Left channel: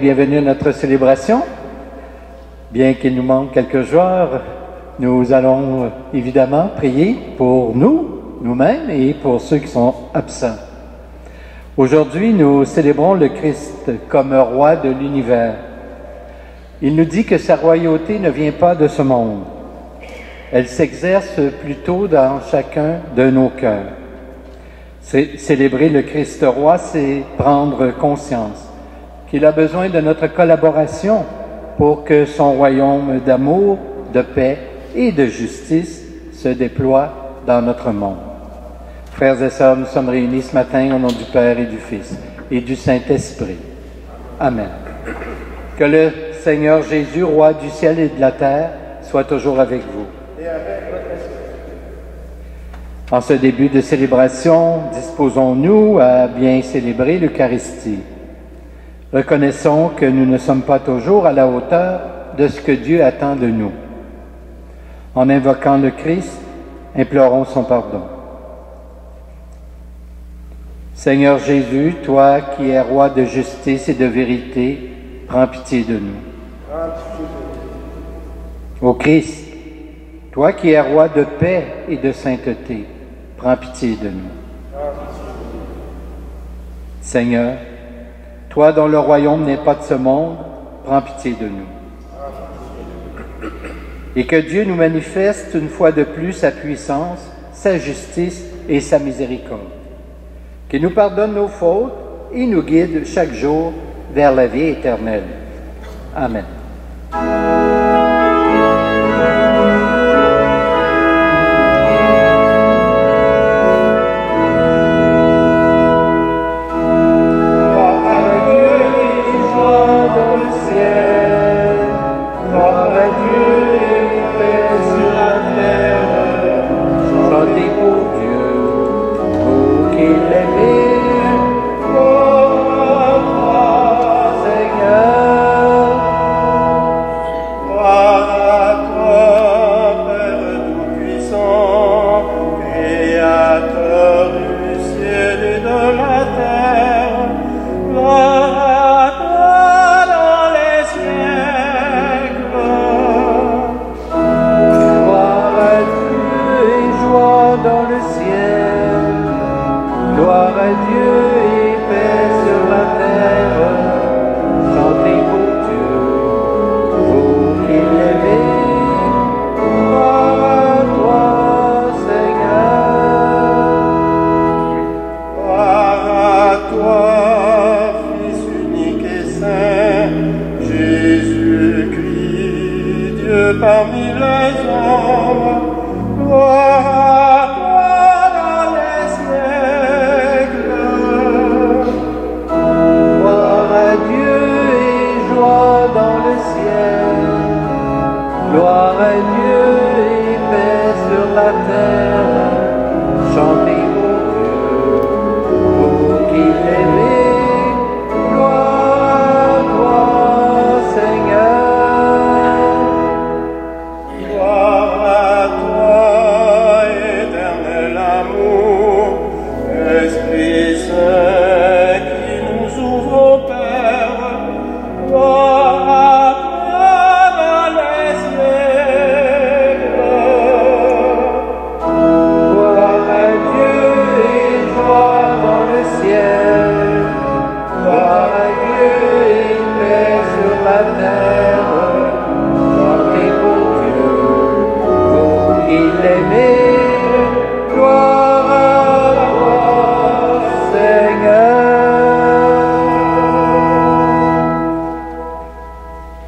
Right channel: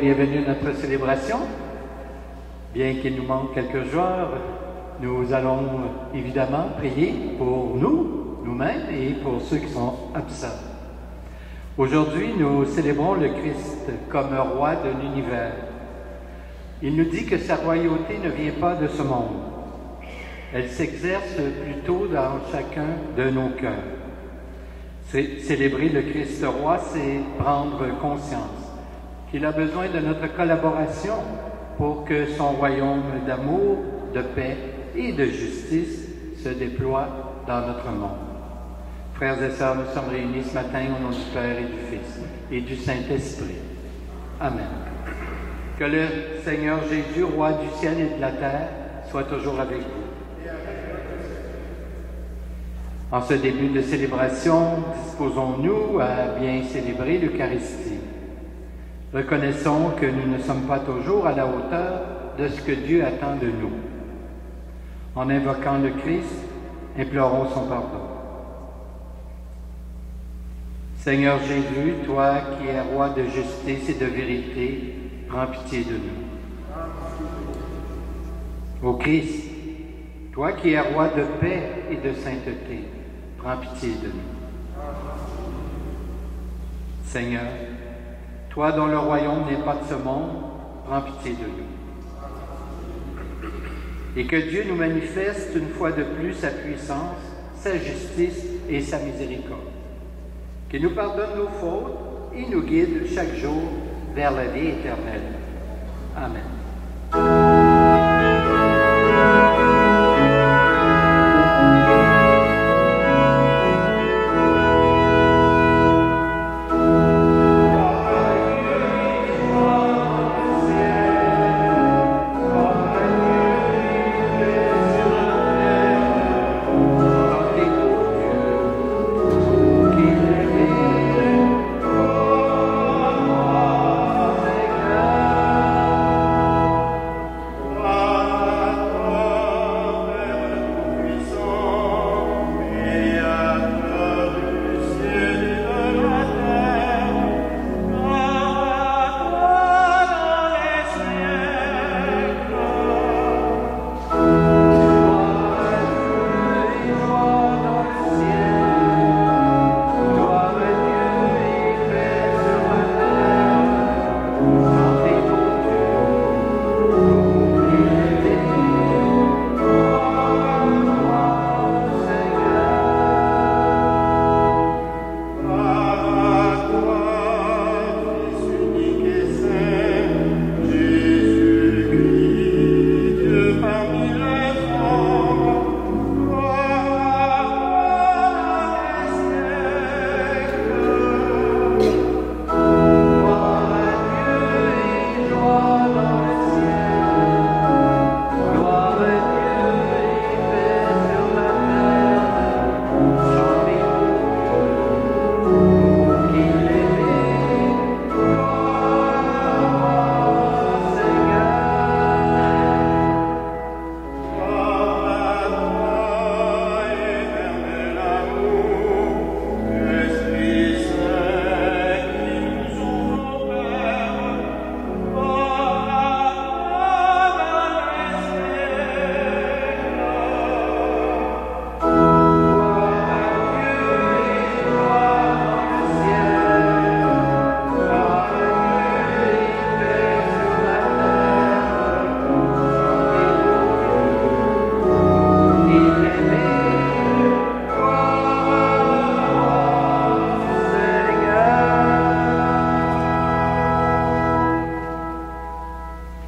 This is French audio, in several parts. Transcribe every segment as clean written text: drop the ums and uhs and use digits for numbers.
bienvenue à notre célébration. Bien qu'il nous manque quelques jours, nous allons évidemment prier pour nous-mêmes et pour ceux qui sont absents. Aujourd'hui, nous célébrons le Christ comme roi de l'univers. Il nous dit que sa royauté ne vient pas de ce monde. Elle s'exerce plutôt dans chacun de nos cœurs. Célébrer le Christ roi, c'est prendre conscience qu'il a besoin de notre collaboration pour que son royaume d'amour, de paix et de justice se déploie dans notre monde. Frères et sœurs, nous sommes réunis ce matin au nom du Père et du Fils et du Saint-Esprit. Amen. Que le Seigneur Jésus, roi du ciel et de la terre, soit toujours avec vous. En ce début de célébration, disposons-nous à bien célébrer l'Eucharistie. Reconnaissons que nous ne sommes pas toujours à la hauteur de ce que Dieu attend de nous. En invoquant le Christ, implorons son pardon. Seigneur Jésus, toi qui es roi de justice et de vérité, prends pitié de nous. Ô Christ, toi qui es roi de paix et de sainteté, prends pitié de nous. Seigneur, toi dont le royaume n'est pas de ce monde, prends pitié de nous. Et que Dieu nous manifeste une fois de plus sa puissance, sa justice et sa miséricorde. Qu'il nous pardonne nos fautes et nous guide chaque jour vers la vie éternelle. Amen.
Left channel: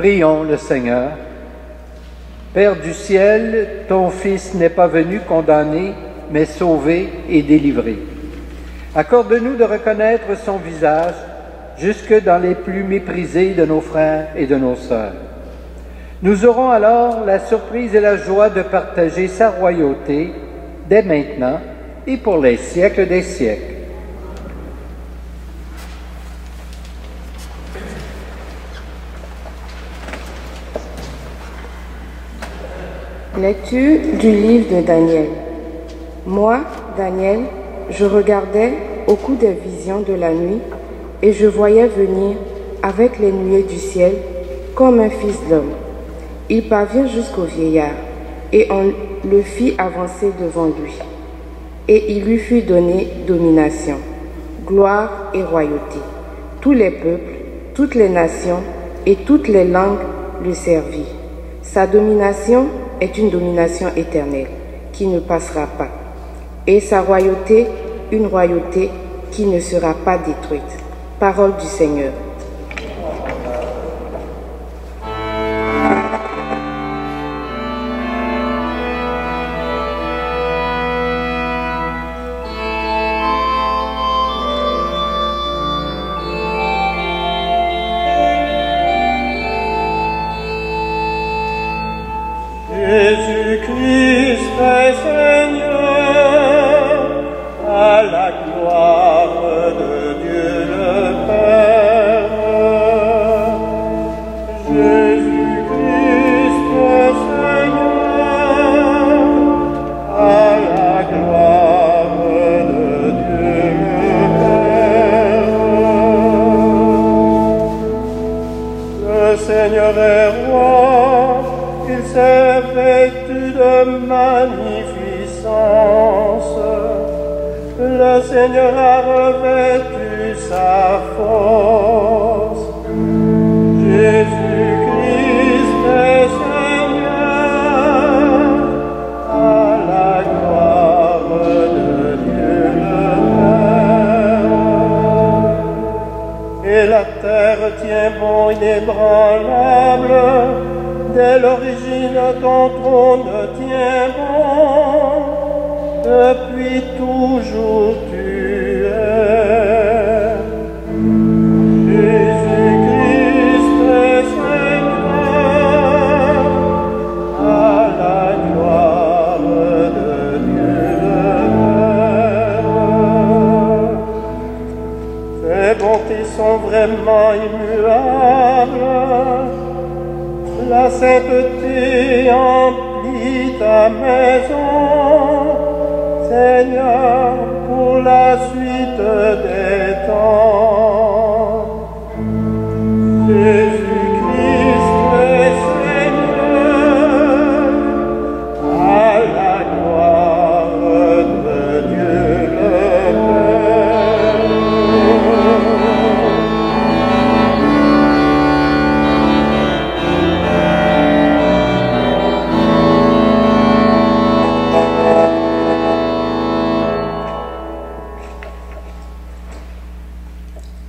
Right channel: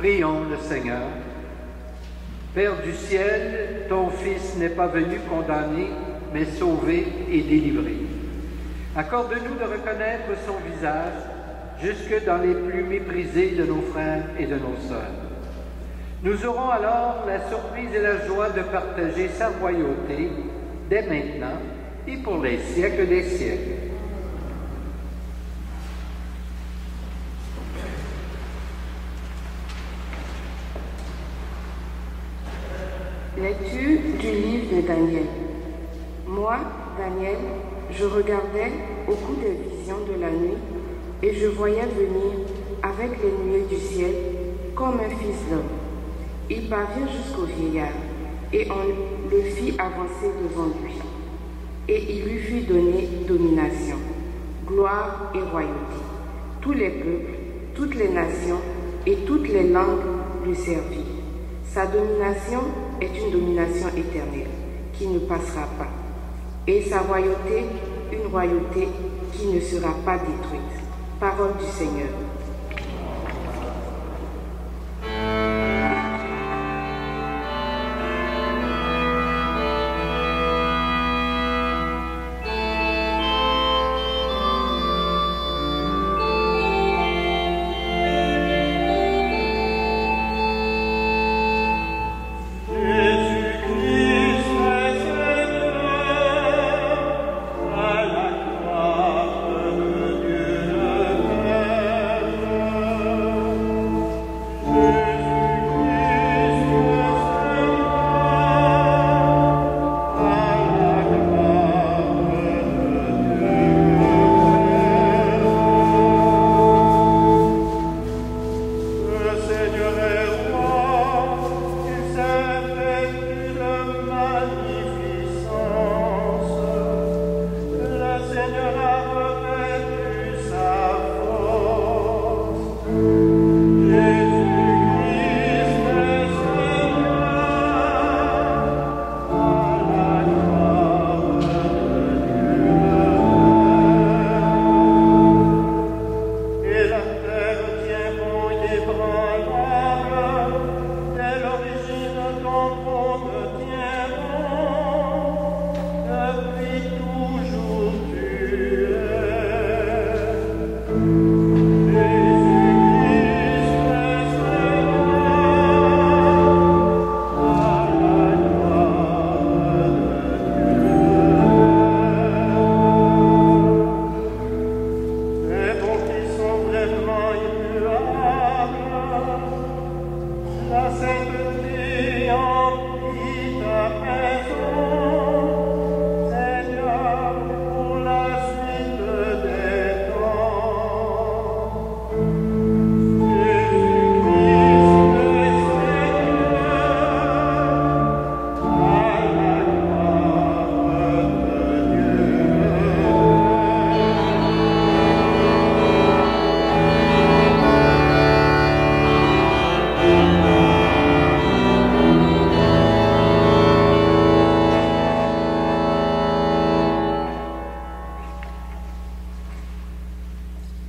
Prions le Seigneur. Père du ciel, ton Fils n'est pas venu condamner, mais sauver et délivrer. Accorde-nous de reconnaître son visage jusque dans les plus méprisés de nos frères et de nos sœurs. Nous aurons alors la surprise et la joie de partager sa royauté dès maintenant et pour les siècles des siècles. Lecture du livre de Daniel. Moi, Daniel, je regardais au coup des visions de la nuit et je voyais venir avec les nuées du ciel, comme un fils d'homme. Il parvient jusqu'au vieillard, et on le fit avancer devant lui. Et il lui fut donné domination, gloire et royauté. Tous les peuples, toutes les nations et toutes les langues le servirent. Sa domination est une domination éternelle, qui ne passera pas, et sa royauté, une royauté qui ne sera pas détruite. Parole du Seigneur.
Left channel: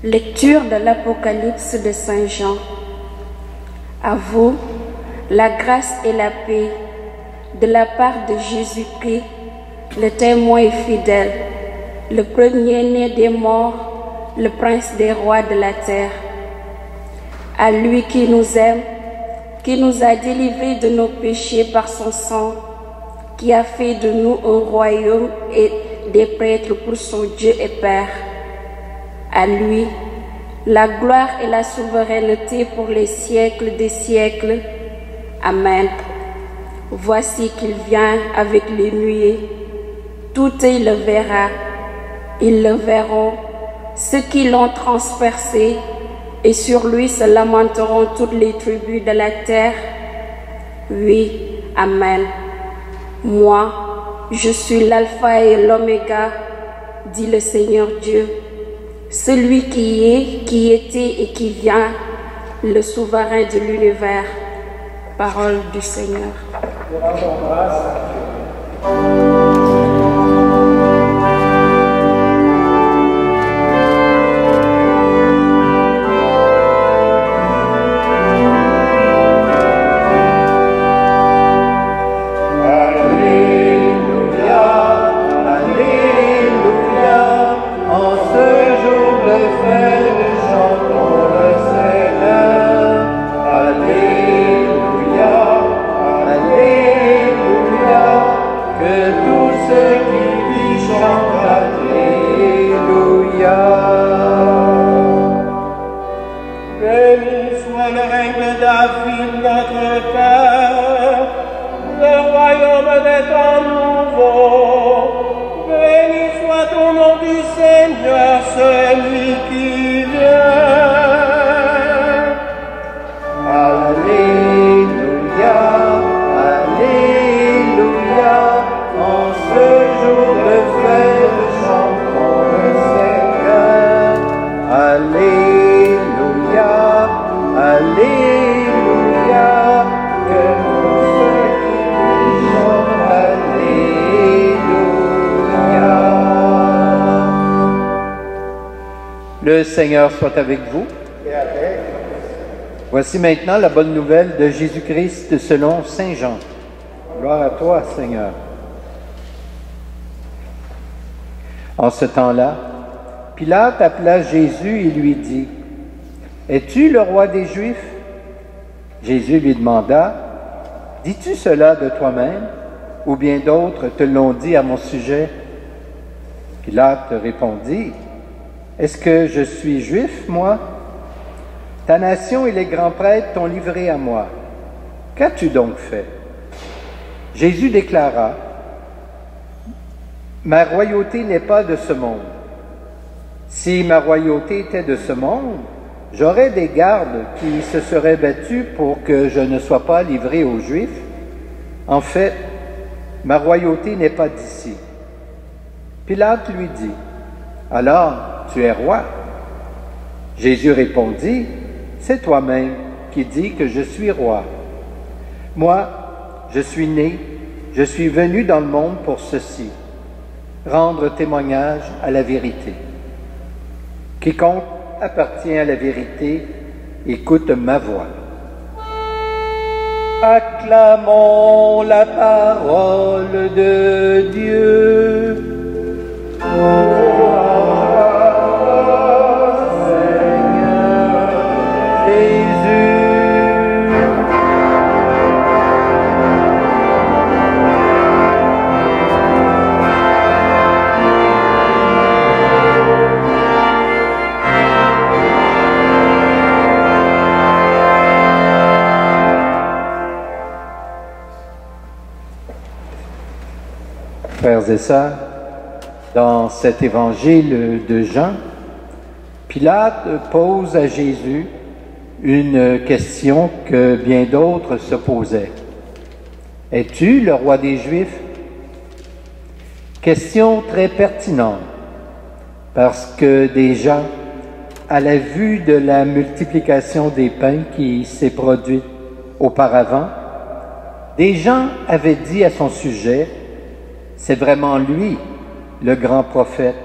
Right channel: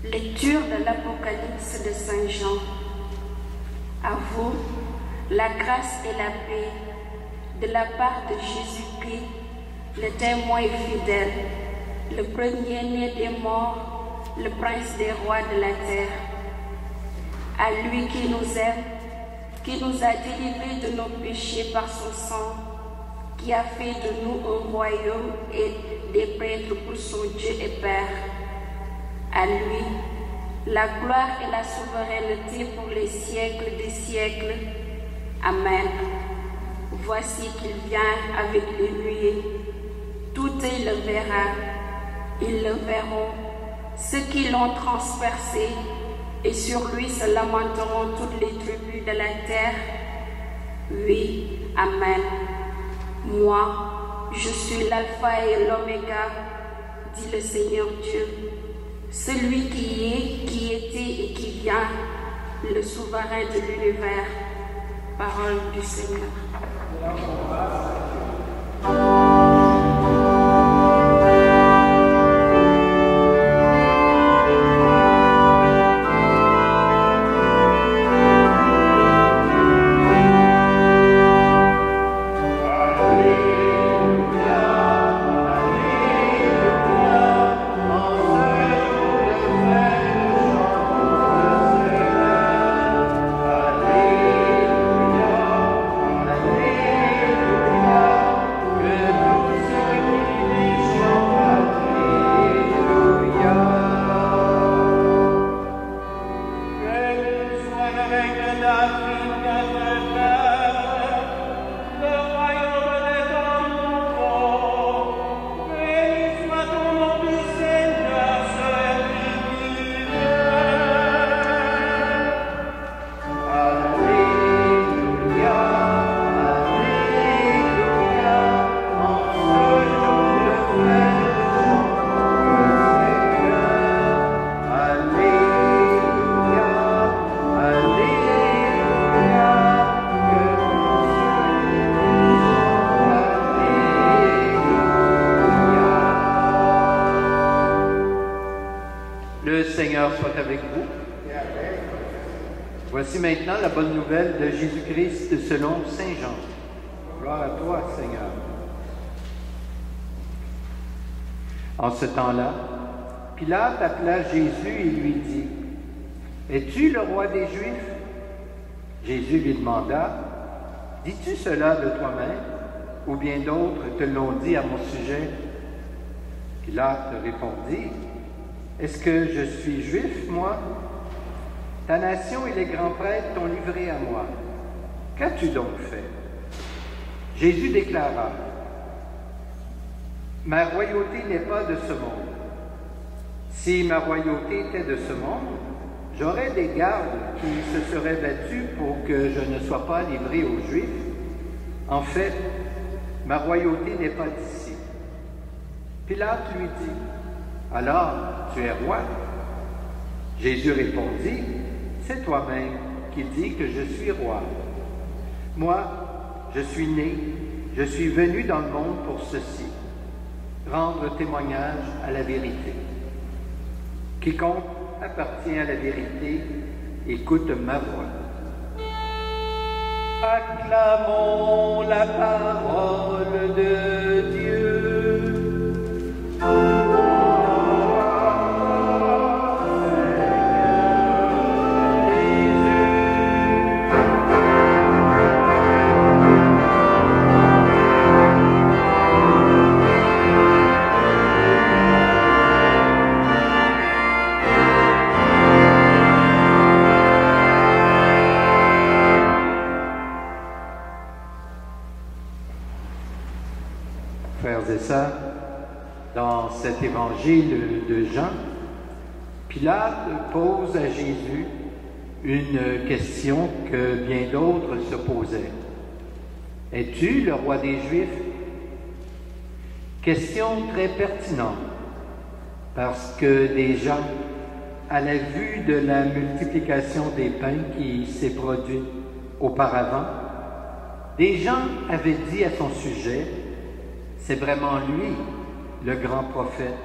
Lecture de l'Apocalypse de Saint Jean. À vous, la grâce et la paix de la part de Jésus-Christ, le témoin fidèle, le premier-né des morts, le prince des rois de la terre. À lui qui nous aime, qui nous a délivrés de nos péchés par son sang, qui a fait de nous un royaume et des prêtres pour son Dieu et Père. À lui, la gloire et la souveraineté pour les siècles des siècles. Amen. Voici qu'il vient avec les nuées. Tout il le verra. Ils le verront, ceux qui l'ont transpercé, et sur lui se lamenteront toutes les tribus de la terre. Oui, Amen. Moi, je suis l'alpha et l'oméga, dit le Seigneur Dieu, celui qui est, qui était et qui vient, le souverain de l'univers. Parole du Seigneur. Seigneur, celui qui vient. Le Seigneur soit avec vous. Voici maintenant la bonne nouvelle de Jésus-Christ selon Saint Jean. Gloire à toi, Seigneur. En ce temps-là, Pilate appela Jésus et lui dit, « Es-tu le roi des Juifs? » Jésus lui demanda, « Dis-tu cela de toi-même, ou bien d'autres te l'ont dit à mon sujet? » Pilate répondit, « Est-ce que je suis juif, moi? Ta nation et les grands prêtres t'ont livré à moi. Qu'as-tu donc fait? » Jésus déclara, « Ma royauté n'est pas de ce monde. Si ma royauté était de ce monde, j'aurais des gardes qui se seraient battus pour que je ne sois pas livré aux Juifs. En fait, ma royauté n'est pas d'ici. » Pilate lui dit, « Alors, tu es roi? » Jésus répondit, « C'est toi-même qui dis que je suis roi. Moi, je suis né, je suis venu dans le monde pour ceci, rendre témoignage à la vérité. Quiconque appartient à la vérité, écoute ma voix. » Acclamons la parole de Dieu. Frères et sœurs, dans cet évangile de Jean, Pilate pose à Jésus une question que bien d'autres se posaient. « Es-tu le roi des Juifs? » Question très pertinente, parce que déjà, à la vue de la multiplication des pains qui s'est produite auparavant, des gens avaient dit à son sujet, c'est vraiment lui, le grand prophète,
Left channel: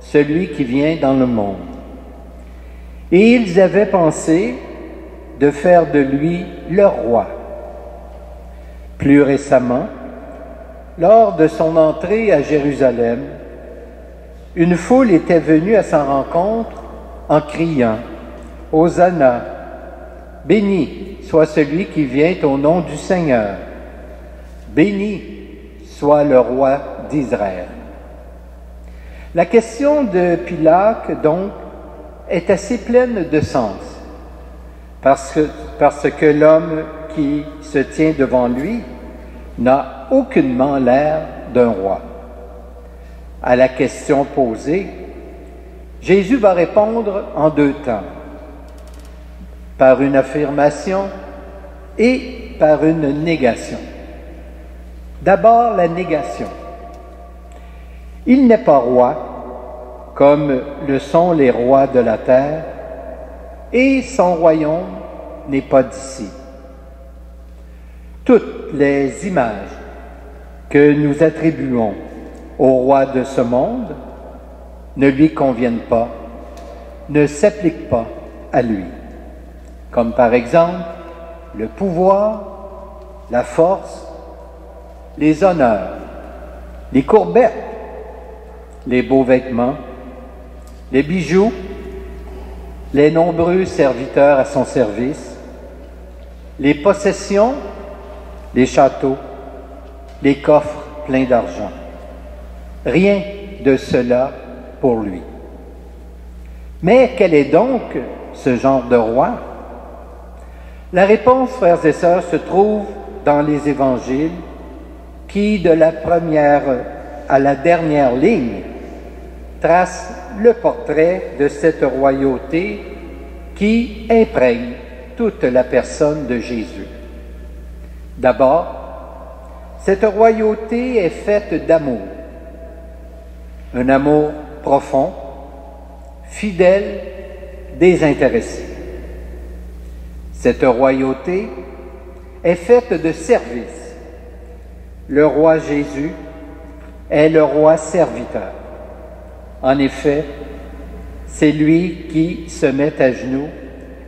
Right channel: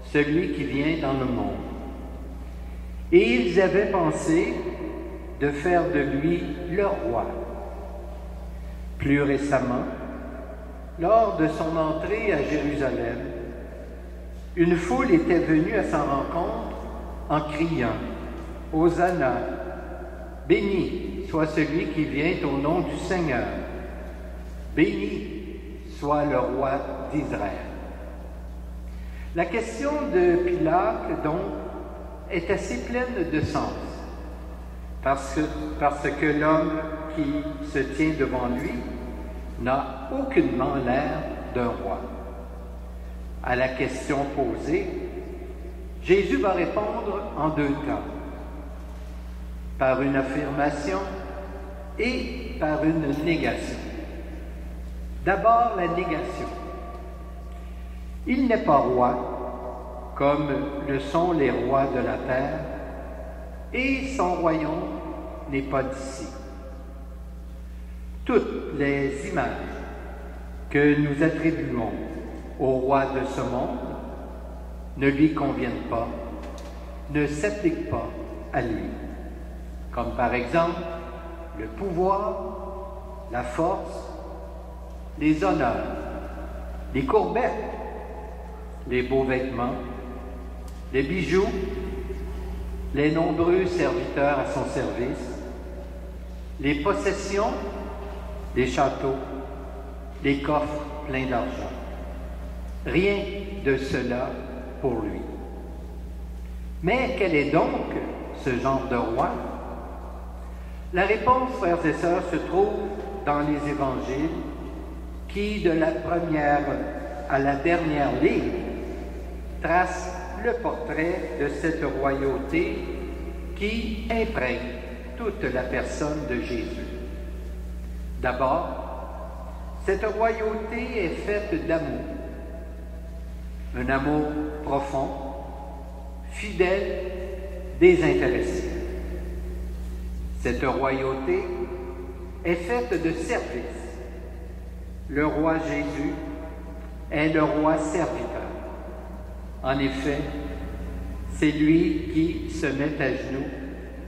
celui qui vient dans le monde. Et ils avaient pensé de faire de lui leur roi. Plus récemment, lors de son entrée à Jérusalem, une foule était venue à sa rencontre en criant « Hosanna, béni soit celui qui vient au nom du Seigneur, béni soit le roi d'Israël. » La question de Pilate, donc, est assez pleine de sens, parce que l'homme qui se tient devant lui n'a aucunement l'air d'un roi. À la question posée, Jésus va répondre en deux temps, par une affirmation et par une négation. D'abord, la négation. Il n'est pas roi, comme le sont les rois de la terre, et son royaume n'est pas d'ici. Toutes les images que nous attribuons au roi de ce monde ne lui conviennent pas, ne s'appliquent pas à lui. Comme par exemple le pouvoir, la force, les honneurs, les courbettes, les beaux vêtements, les bijoux, les nombreux serviteurs à son service, les possessions, les châteaux, les coffres pleins d'argent. Rien de cela pour lui. Mais quel est donc ce genre de roi? La réponse, frères et sœurs, se trouve dans les évangiles qui, de la première à la dernière ligne, tracent le portrait de cette royauté qui imprègne toute la personne de Jésus. D'abord, cette royauté est faite d'amour, un amour profond, fidèle, désintéressé. Cette royauté est faite de service. Le roi Jésus est le roi serviteur. En effet, C'est lui qui se met à genoux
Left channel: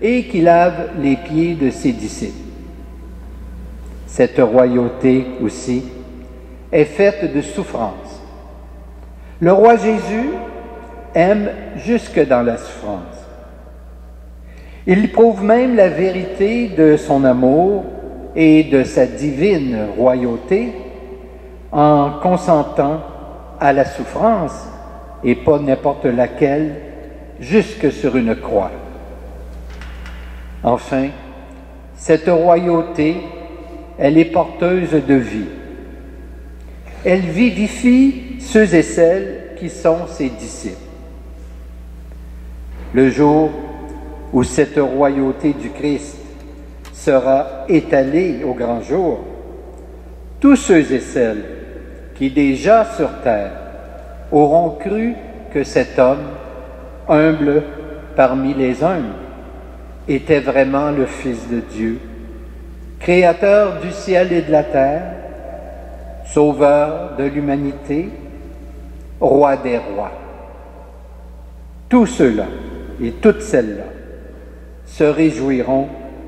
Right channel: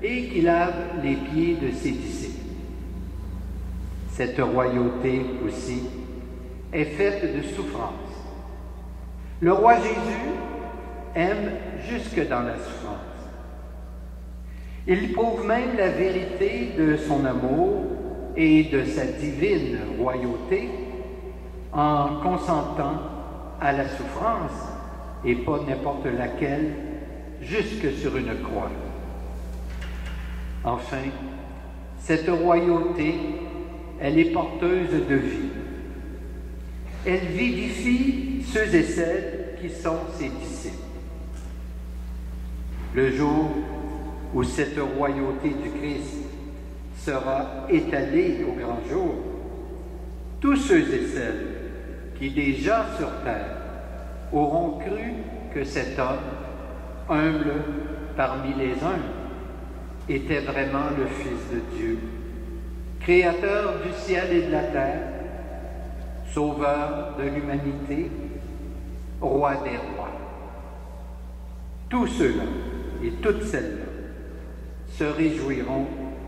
et qui lave les pieds de ses disciples. Cette royauté aussi est faite de souffrance. Le roi Jésus aime jusque dans la souffrance. Il prouve même la vérité de son amour et de sa divine royauté en consentant à la souffrance, et pas n'importe laquelle, jusque sur une croix. Enfin, cette royauté, elle est porteuse de vie. Elle vivifie ceux et celles qui sont ses disciples. Le jour où cette royauté du Christ sera étalée au grand jour, tous ceux et celles qui déjà sur terre auront cru que cet homme, humble parmi les humbles, était vraiment le Fils de Dieu, créateur du ciel et de la terre, sauveur de l'humanité, roi des rois. Tous ceux-là et toutes celles-là se réjouiront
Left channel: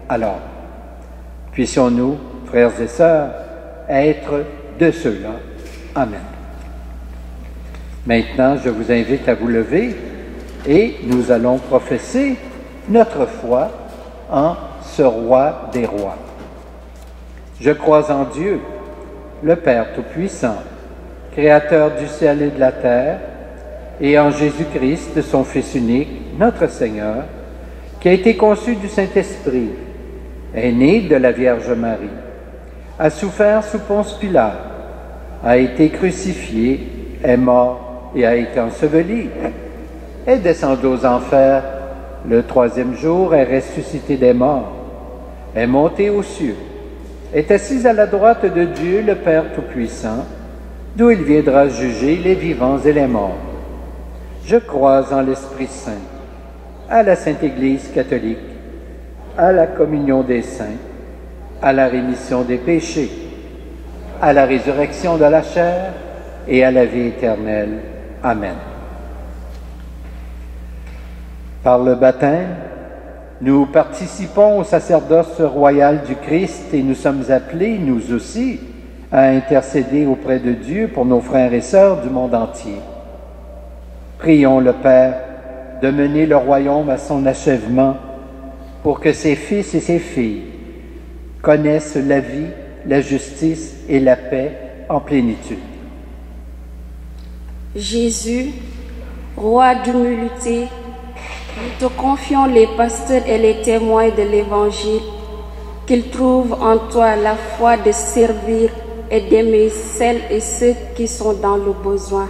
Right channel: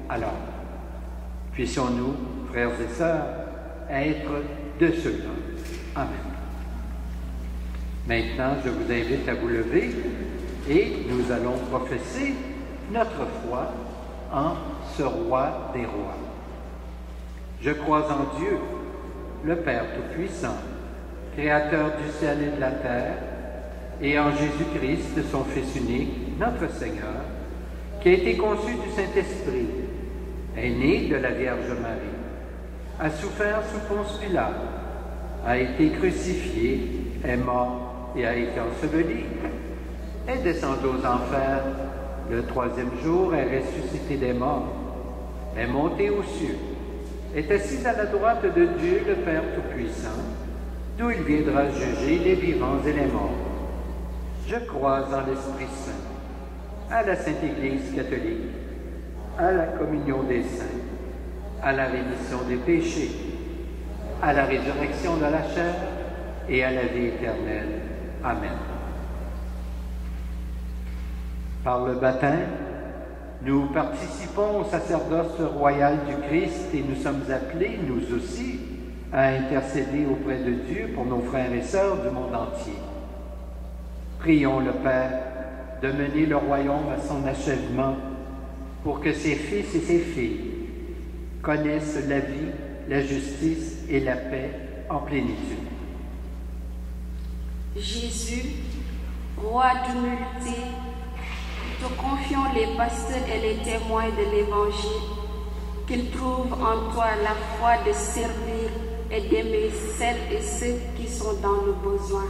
alors. Puissions-nous, frères et sœurs, être de ceux-là. Amen. Maintenant, je vous invite à vous lever et nous allons professer notre foi en ce roi des rois. Je crois en Dieu, le Père Tout-Puissant, Créateur du ciel et de la terre, et en Jésus-Christ, son Fils unique, notre Seigneur, qui a été conçu du Saint-Esprit, est né de la Vierge Marie, a souffert sous Ponce Pilate, a été crucifié, est mort et a été enseveli, est descendu aux enfers, le troisième jour est ressuscité des morts, est monté aux cieux, est assis à la droite de Dieu, le Père Tout-Puissant, d'où il viendra juger les vivants et les morts. Je crois en l'Esprit Saint, à la Sainte Église catholique, à la communion des saints, à la rémission des péchés, à la résurrection de la chair et à la vie éternelle. Amen. Par le baptême, nous participons au sacerdoce royal du Christ et nous sommes appelés, nous aussi, à intercéder auprès de Dieu pour nos frères et sœurs du monde entier. Prions le Père de mener le royaume à son achèvement pour que ses fils et ses filles connaissent la vie, la justice et la paix en plénitude. Jésus, roi d'humilité, nous te confions les pasteurs et les témoins de l'Évangile, qu'ils trouvent en toi la foi de servir et d'aimer celles et ceux qui sont dans le besoin.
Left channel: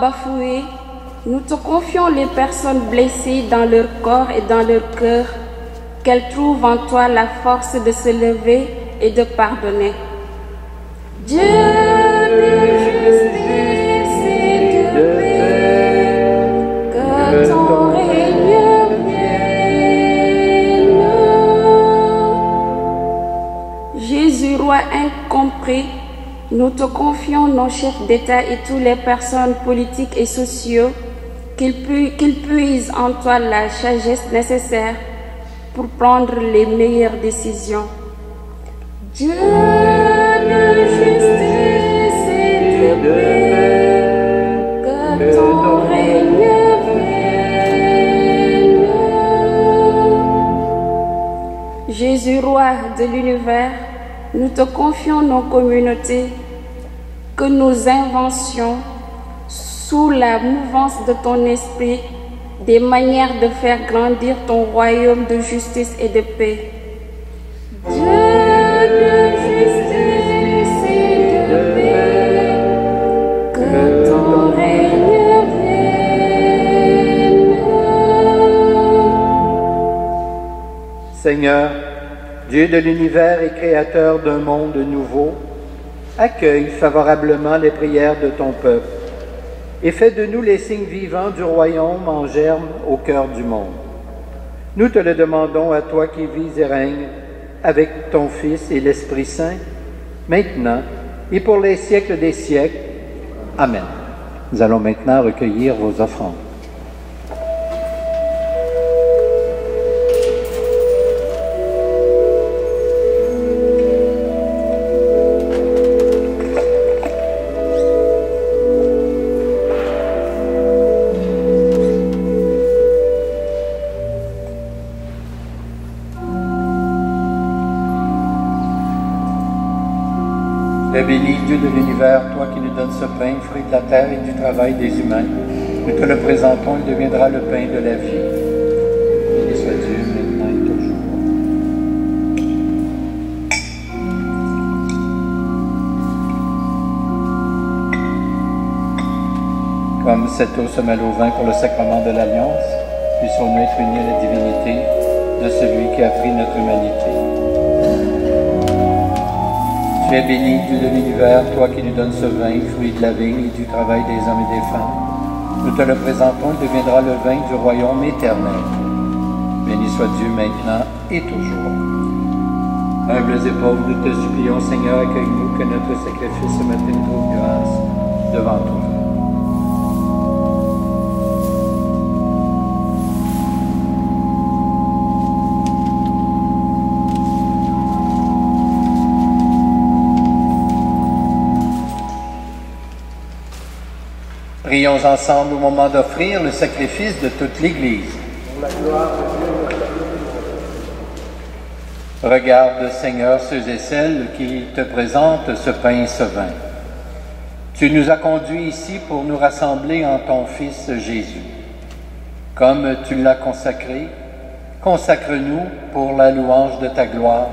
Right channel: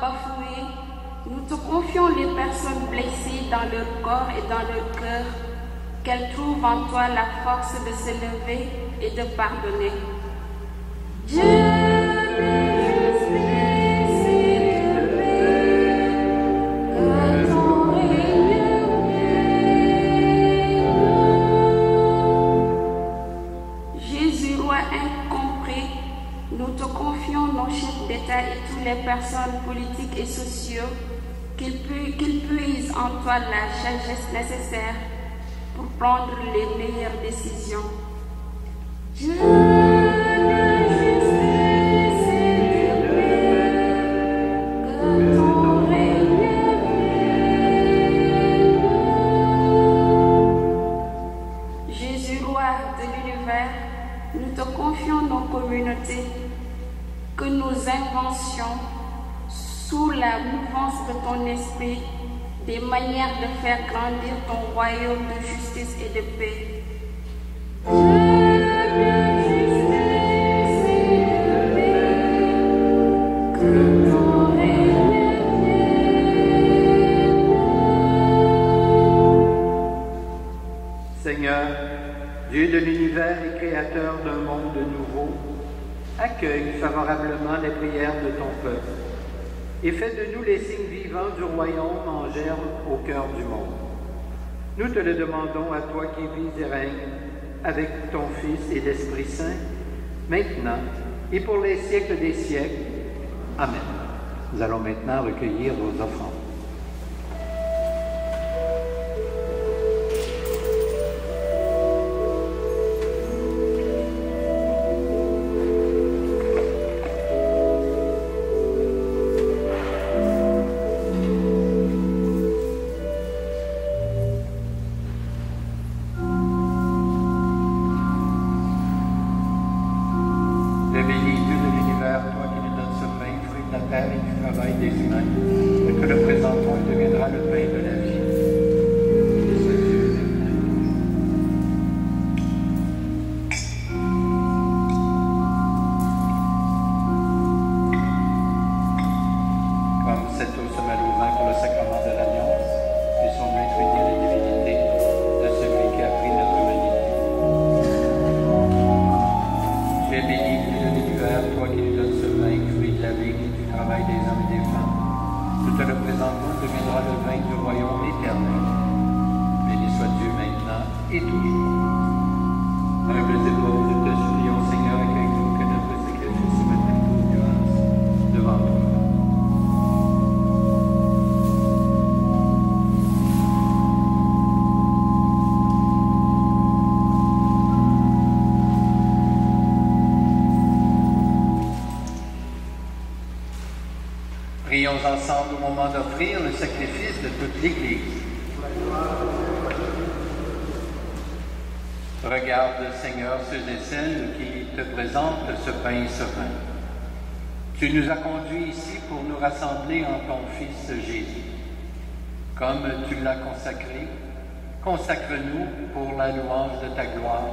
Bafoué, nous te confions les personnes blessées dans leur corps et dans leur cœur, qu'elles trouvent en toi la force de se lever et de pardonner. Dieu de justice et de paix, que ton règne vienne. Jésus, roi incompris, nous te confions nos chefs d'État et toutes les personnes politiques et sociaux, qu'ils puisent en toi la sagesse nécessaire pour prendre les meilleures décisions. Dieu de justice et de paix, que ton règne vienne. Jésus, roi de l'univers, nous te confions nos communautés, que nos inventions, sous la mouvance de ton esprit, des manières de faire grandir ton royaume de justice et de paix. Dieu de justice Seigneur, Dieu de l'univers et créateur d'un monde nouveau, accueille favorablement les prières de ton peuple et fais de nous les signes vivants du royaume en germe au cœur du monde. Nous te le demandons à toi qui vis et règnes avec ton Fils et l'Esprit Saint, maintenant et pour les siècles des siècles. Amen. Nous allons maintenant recueillir vos offrandes. Bénis Dieu de l'univers, toi qui nous donnes ce pain, fruit de la terre et du travail des humains. Nous te le présentons, il deviendra le pain de la vie. Béni soit Dieu, maintenant et toujours. Comme cette eau se mêle au vin pour le sacrement de l'Alliance, puissions-nous être unis à la divinité de celui qui a pris notre humanité. Tu es béni, Dieu de l'univers, toi qui nous donnes ce vin, fruit de la vigne et du travail des hommes et des femmes. Nous te le présentons, il deviendra le vin du royaume éternel. Béni soit Dieu maintenant et toujours. Humbles et pauvres, nous te supplions, Seigneur, accueille-nous, que notre sacrifice ce matin trouve grâce devant toi. Prions ensemble au moment d'offrir le sacrifice de toute l'Église. Pour la gloire de Dieu. Regarde, Seigneur, ceux et celles qui te présentent ce pain et ce vin. Tu nous as conduits ici pour nous rassembler en ton Fils Jésus. Comme tu l'as consacré, consacre-nous pour la louange de ta gloire,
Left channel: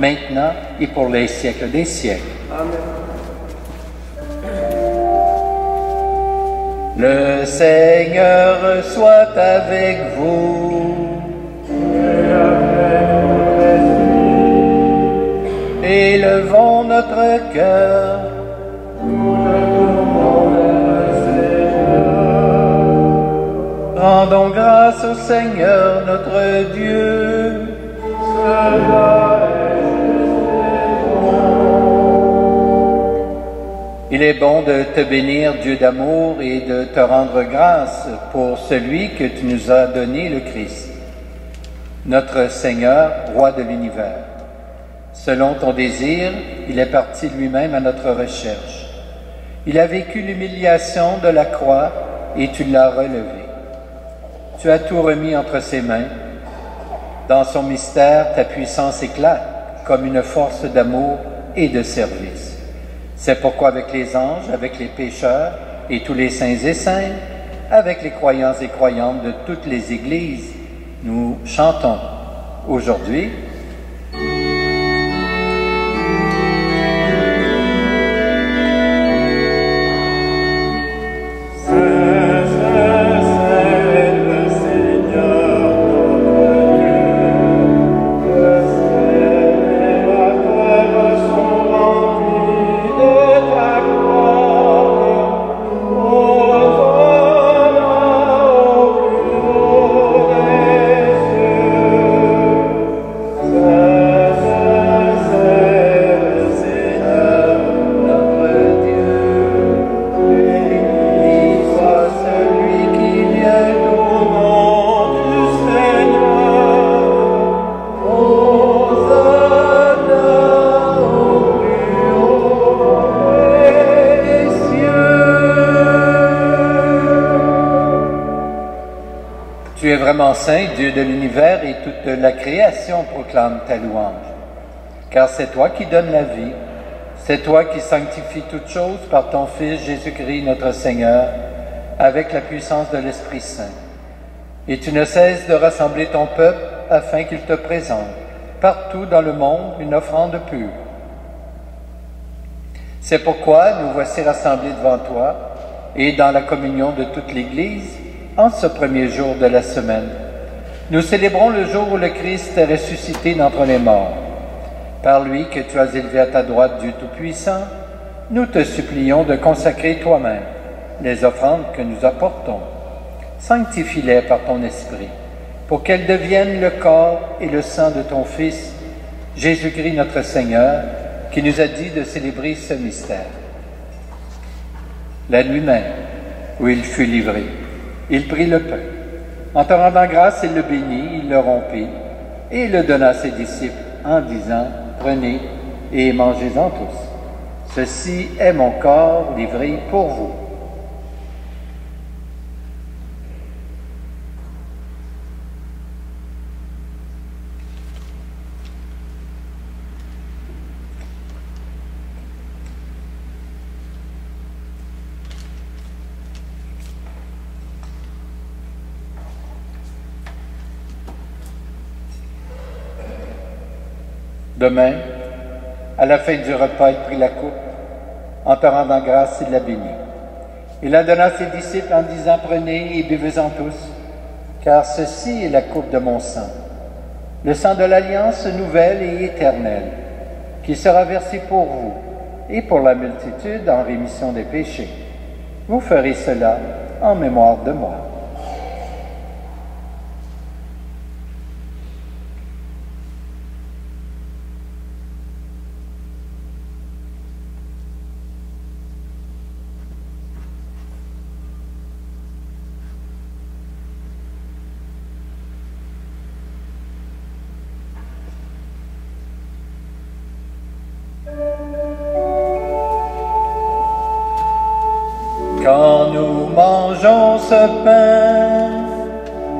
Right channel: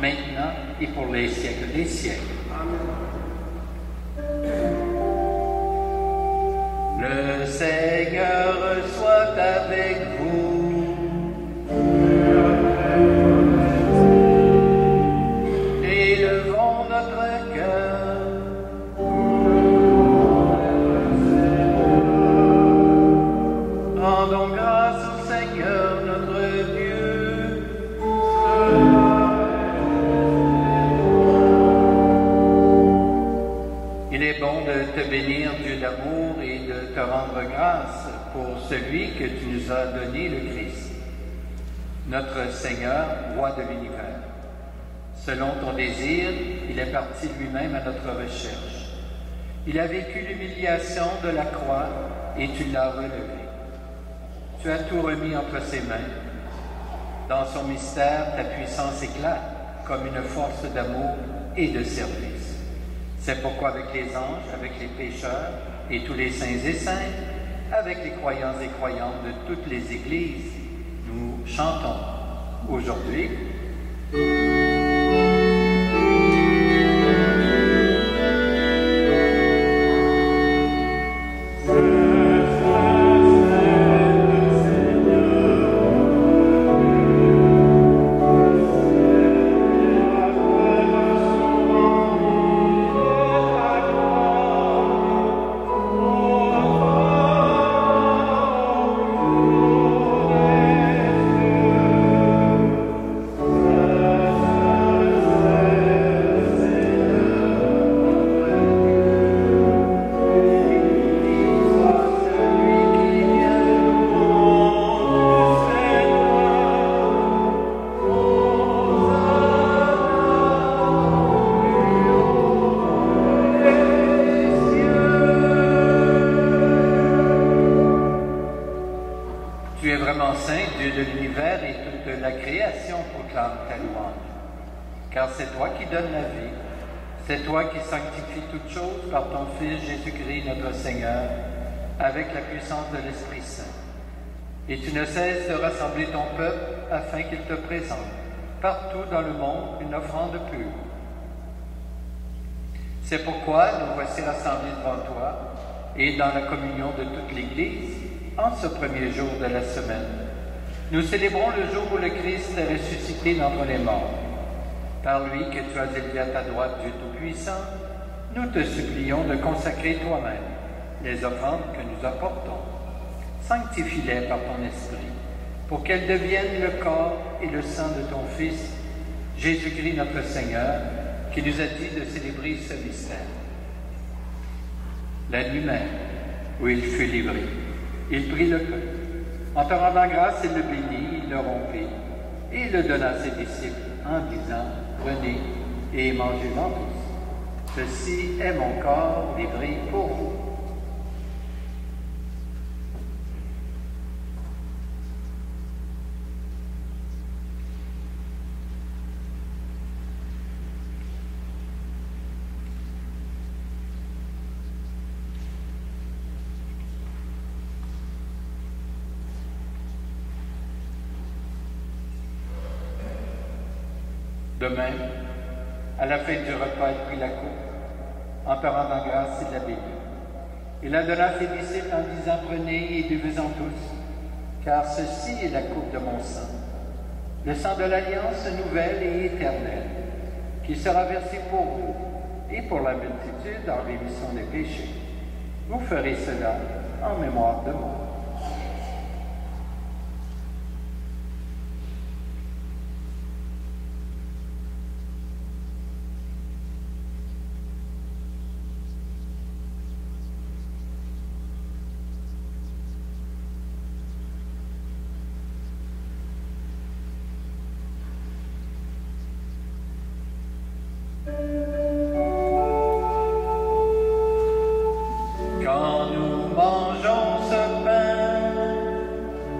maintenant et pour les siècles des siècles. Amen. Le Seigneur soit avec vous. Élevons notre cœur. Rendons grâce au Seigneur notre Dieu. Il est bon de te bénir, Dieu d'amour, et de te rendre grâce pour celui que tu nous as donné, le Christ, notre Seigneur, roi de l'univers. Selon ton désir, il est parti lui-même à notre recherche. Il a vécu l'humiliation de la croix et tu l'as relevé. Tu as tout remis entre ses mains. Dans son mystère, ta puissance éclate comme une force d'amour et de service. C'est pourquoi avec les anges, avec les pécheurs et tous les saints et saintes, avec les croyants et croyantes de toutes les églises, nous chantons aujourd'hui. Tu es vraiment saint, Dieu de l'univers, et toute la création proclame ta louange. Car c'est toi qui donnes la vie, c'est toi qui sanctifies toutes choses par ton Fils Jésus-Christ notre Seigneur, avec la puissance de l'Esprit Saint. Et tu ne cesses de rassembler ton peuple afin qu'il te présente partout dans le monde une offrande pure. C'est pourquoi nous voici rassemblés devant toi et dans la communion de toute l'Église en ce premier jour de la semaine. Nous célébrons le jour où le Christ est ressuscité d'entre les morts. Par lui que tu as élevé à ta droite du Tout-Puissant, nous te supplions de consacrer toi-même les offrandes que nous apportons. Sanctifie-les par ton Esprit, pour qu'elles deviennent le corps et le sang de ton Fils, Jésus-Christ notre Seigneur, qui nous a dit de célébrer ce mystère. La nuit même, où il fut livré, il prit le pain. En te rendant grâce, il le bénit, il le rompit, et il le donna à ses disciples en disant, « Prenez et mangez-en tous. Ceci est mon corps livré pour vous. » De même, à la fin du repas, il prit la coupe. En te rendant grâce, il la bénit. Il la donna à ses disciples en disant, « Prenez et buvez-en tous, car ceci est la coupe de mon sang, le sang de l'alliance nouvelle et éternelle, qui sera versé pour vous et pour la multitude en rémission des péchés. Vous ferez cela en mémoire de moi. » Quand nous mangeons ce pain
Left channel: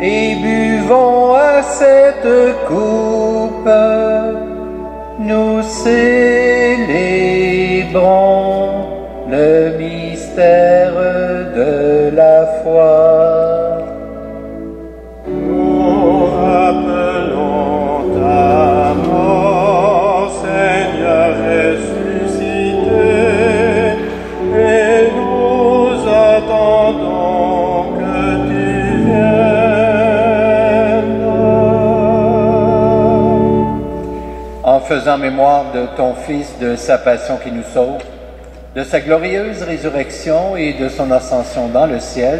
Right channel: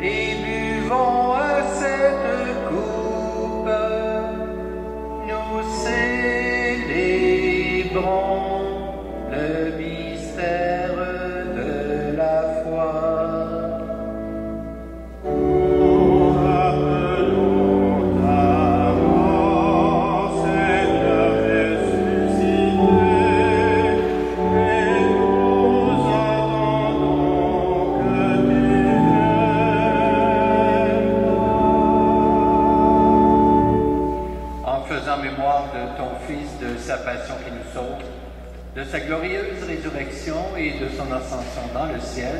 et buvons à cette coupe, nous célébrons le mystère de la foi. Faisant mémoire de ton Fils, de sa passion qui nous sauve, de sa glorieuse résurrection et de son ascension dans le ciel,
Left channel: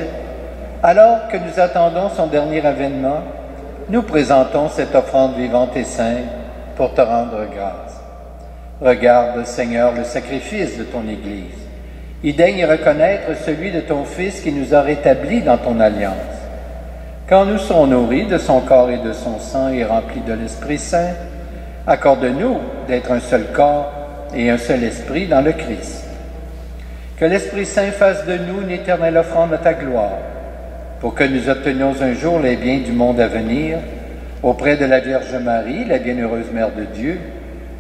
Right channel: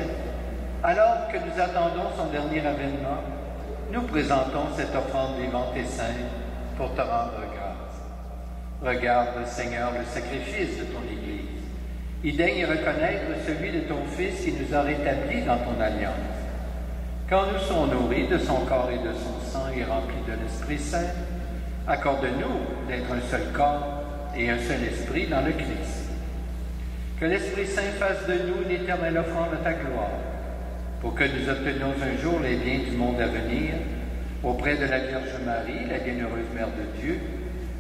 alors que nous attendons son dernier avènement, nous présentons cette offrande vivante et sainte pour te rendre grâce. Regarde, Seigneur, le sacrifice de ton Église. Et daigne reconnaître celui de ton Fils qui nous a rétablis dans ton alliance. Quand nous serons nourris de son corps et de son sang et remplis de l'Esprit Saint, accorde-nous d'être un seul corps et un seul esprit dans le Christ. Que l'Esprit Saint fasse de nous une éternelle offrande à ta gloire, pour que nous obtenions un jour les biens du monde à venir, auprès de la Vierge Marie, la bienheureuse Mère de Dieu,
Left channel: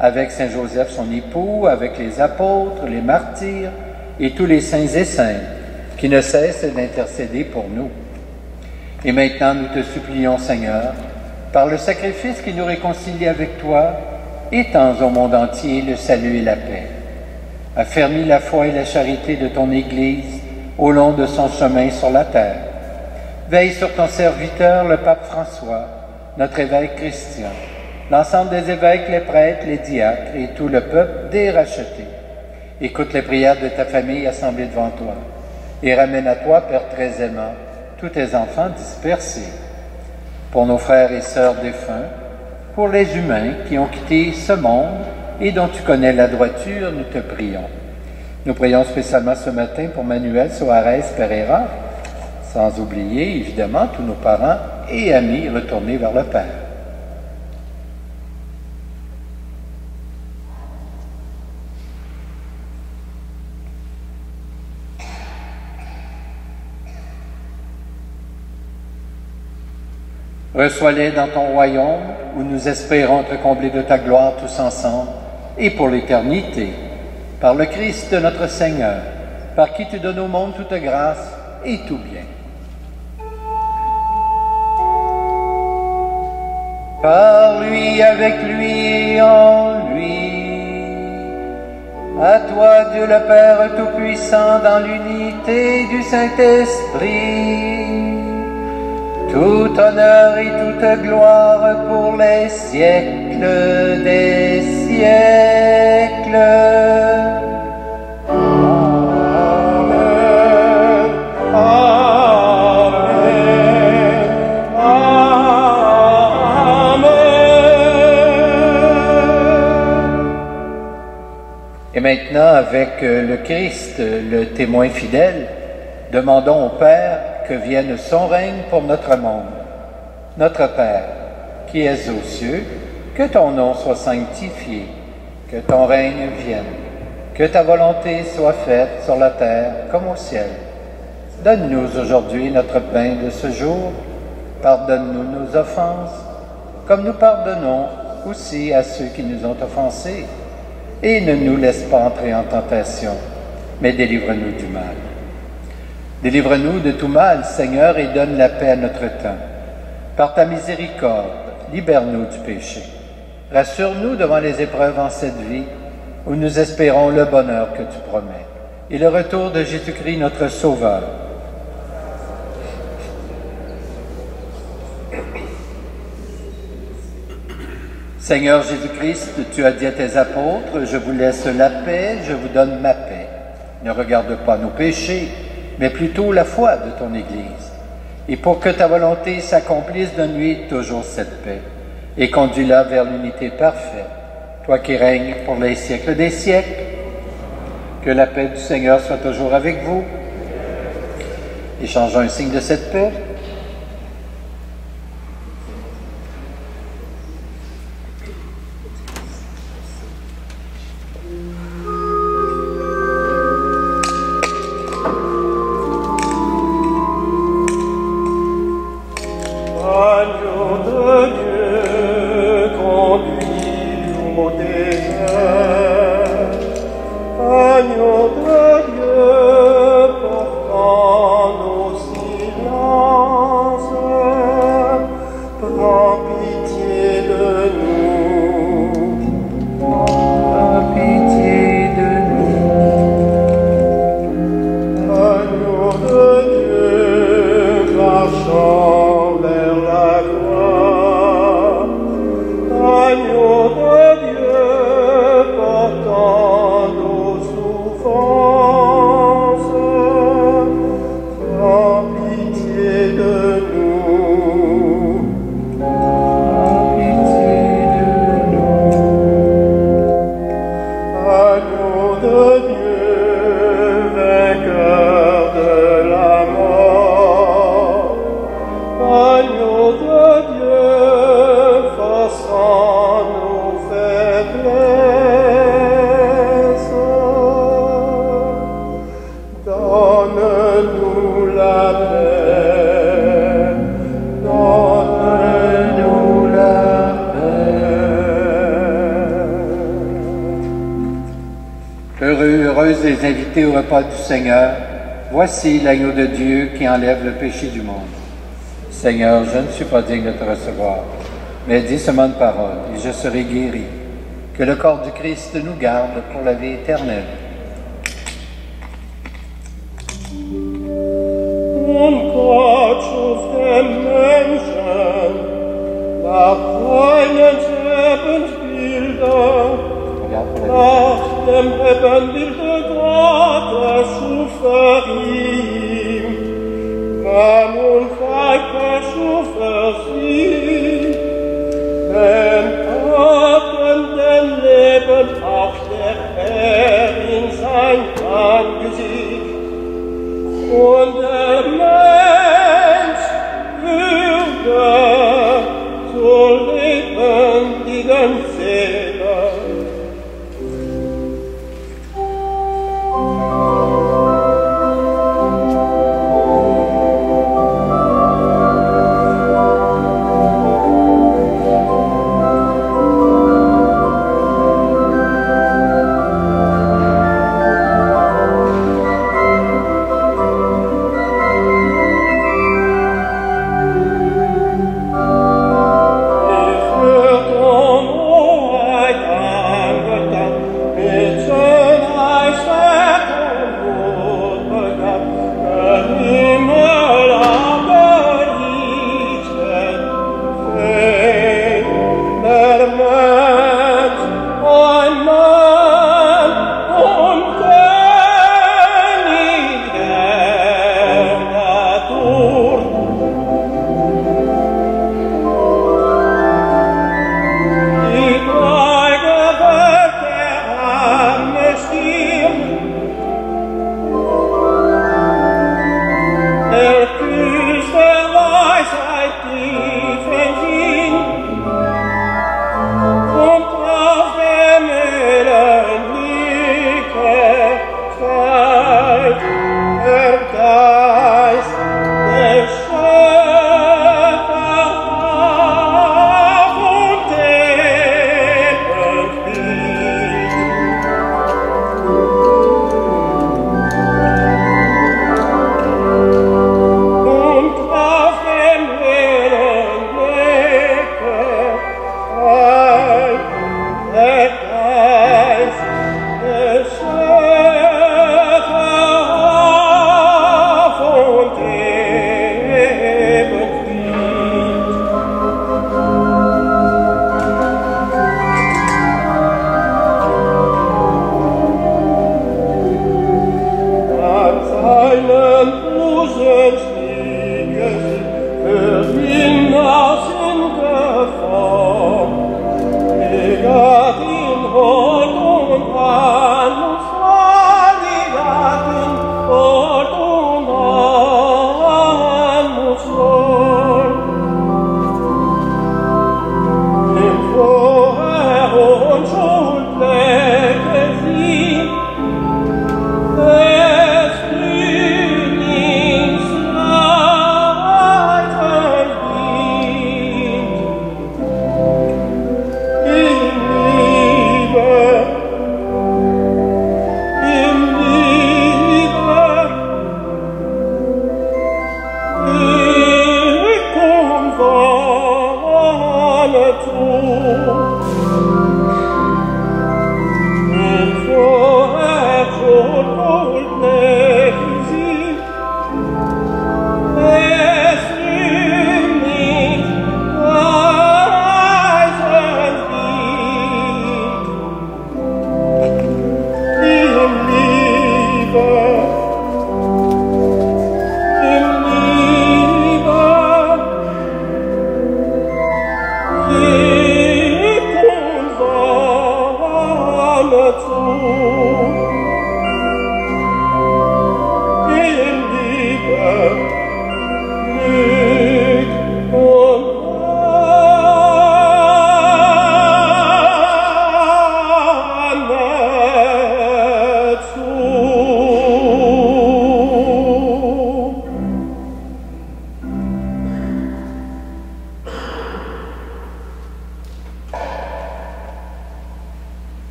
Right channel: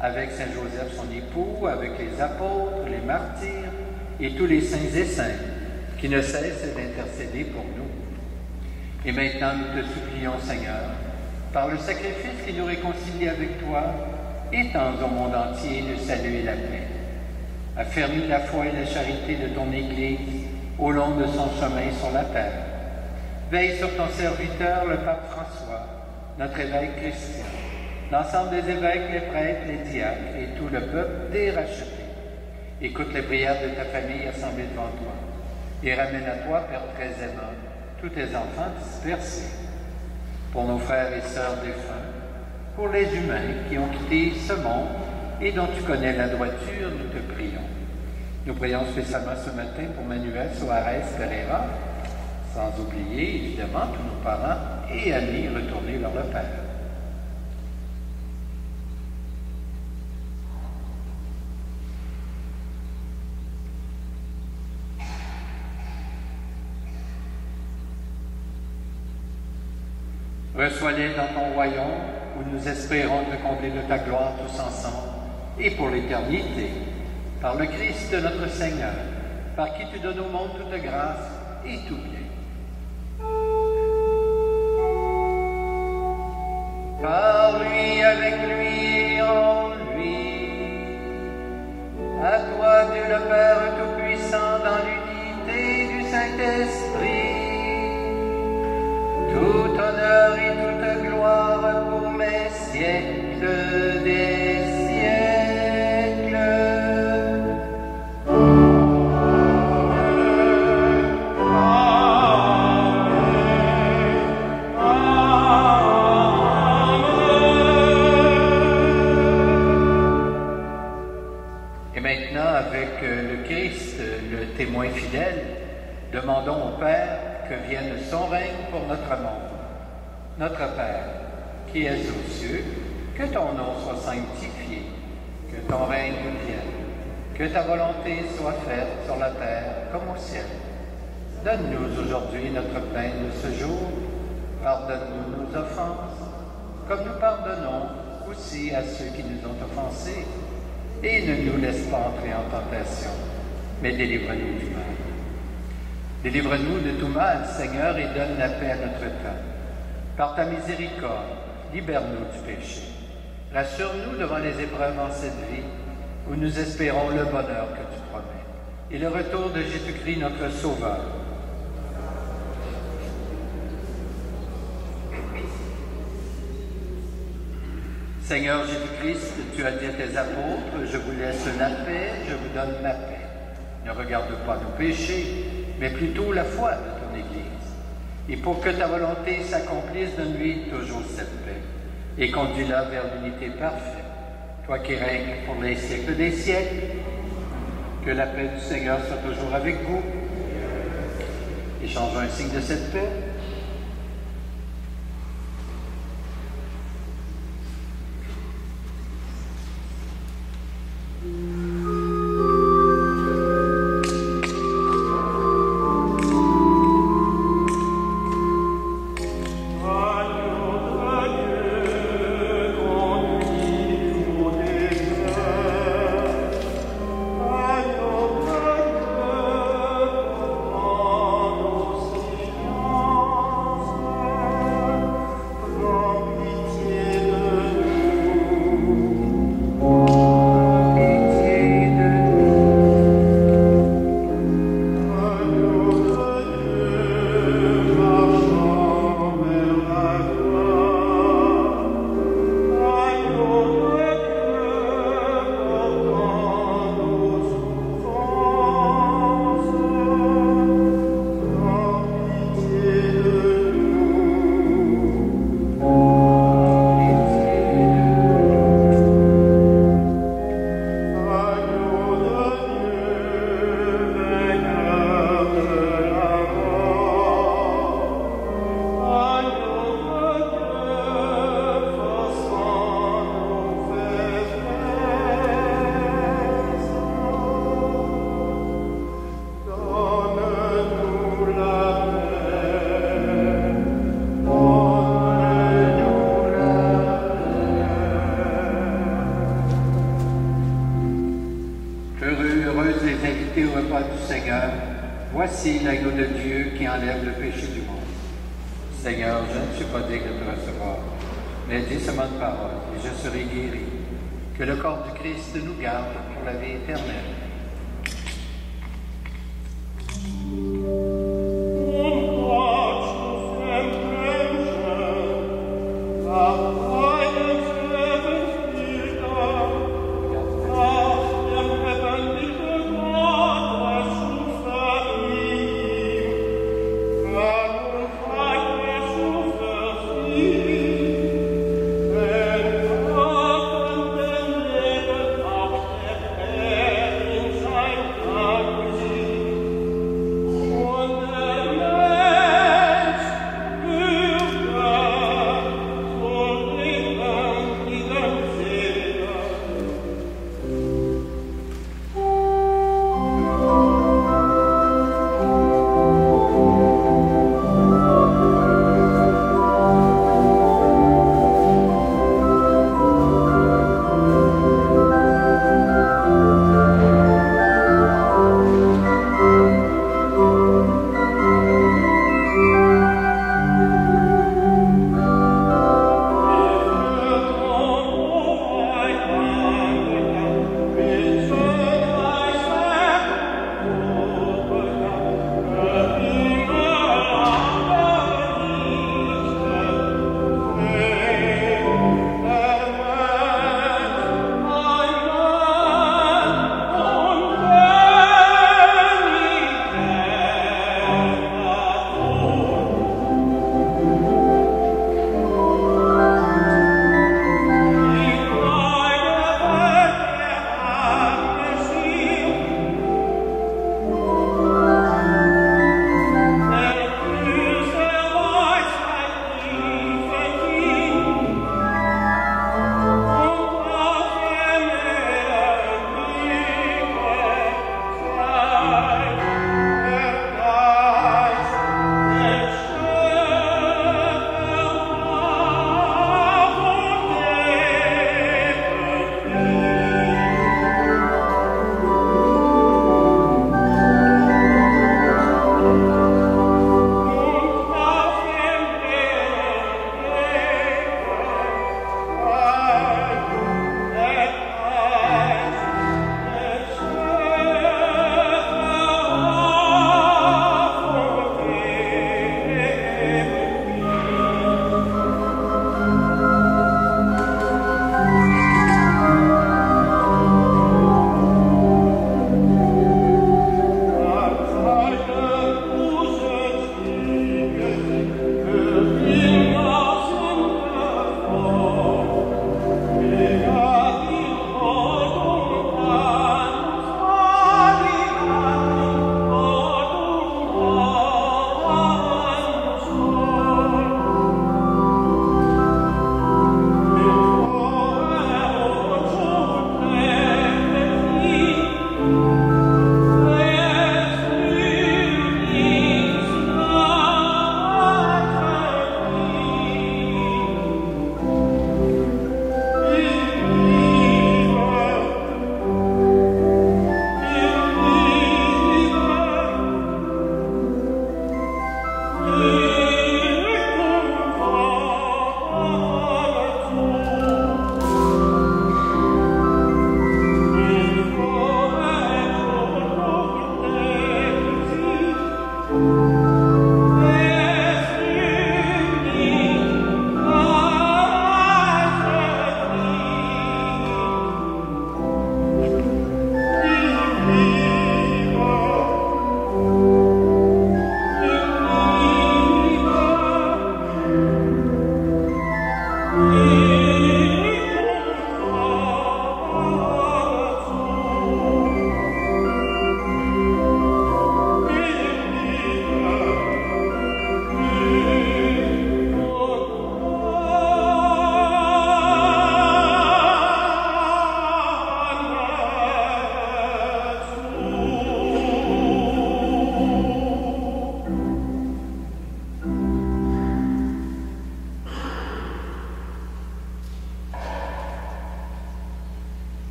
avec Saint Joseph son époux, avec les apôtres, les martyrs et tous les saints et saintes, qui ne cessent d'intercéder pour nous. Et maintenant nous te supplions, Seigneur, par le sacrifice qui nous réconcilie avec toi, étends au monde entier le salut et la paix. Affermis la foi et la charité de ton Église au long de son chemin sur la terre. Veille sur ton serviteur, le pape François, notre évêque Christian, l'ensemble des évêques, les prêtres, les diacres et tout le peuple des rachetés. Écoute les prières de ta famille assemblée devant toi et ramène à toi, Père très aimant, tous tes enfants dispersés. Pour nos frères et sœurs défunts, pour les humains qui ont quitté ce monde et dont tu connais la droiture, nous te prions. Nous prions spécialement ce matin pour Manuel Soares Pereira, sans oublier évidemment tous nos parents et amis retournés vers le Père. Reçois-les dans ton royaume, où nous espérons te combler de ta gloire tous ensemble, et pour l'éternité, par le Christ notre Seigneur, par qui tu donnes au monde toute grâce et tout bien. Par lui, avec lui et en lui, à toi Dieu le Père Tout-Puissant, dans l'unité du Saint-Esprit, tout honneur et toute gloire pour les siècles des siècles. Amen. Amen. Amen. Et maintenant, avec le Christ, le témoin fidèle, demandons au Père que vienne son règne pour notre monde. Notre Père, qui es aux cieux, que ton nom soit sanctifié, que ton règne vienne, que ta volonté soit faite sur la terre comme au ciel. Donne-nous aujourd'hui notre pain de ce jour. Pardonne-nous nos offenses, comme nous pardonnons aussi à ceux qui nous ont offensés. Et ne nous laisse pas entrer en tentation, mais délivre-nous du mal. Délivre-nous de tout mal, Seigneur, et donne la paix à notre temps. Par ta miséricorde, libère-nous du péché. Rassure-nous devant les épreuves en cette vie, où nous espérons le bonheur que tu promets, et le retour de Jésus-Christ, notre Sauveur. Seigneur Jésus-Christ, tu as dit à tes apôtres, « Je vous laisse la paix, je vous donne ma paix. Ne regarde pas nos péchés, mais plutôt la foi de ton Église. Et pour que ta volonté s'accomplisse, donne-lui toujours cette paix, et conduis-la vers l'unité parfaite, toi qui règnes pour les siècles des siècles. Que la paix du Seigneur soit toujours avec vous. Échangeons un signe de cette paix. Heureuses les invités au repas du Seigneur, voici l'agneau de Dieu qui enlève le péché du monde. Seigneur, je ne suis pas digne de te recevoir, mais dis seulement une parole et je serai guéri. Que le corps du Christ nous garde pour la vie éternelle.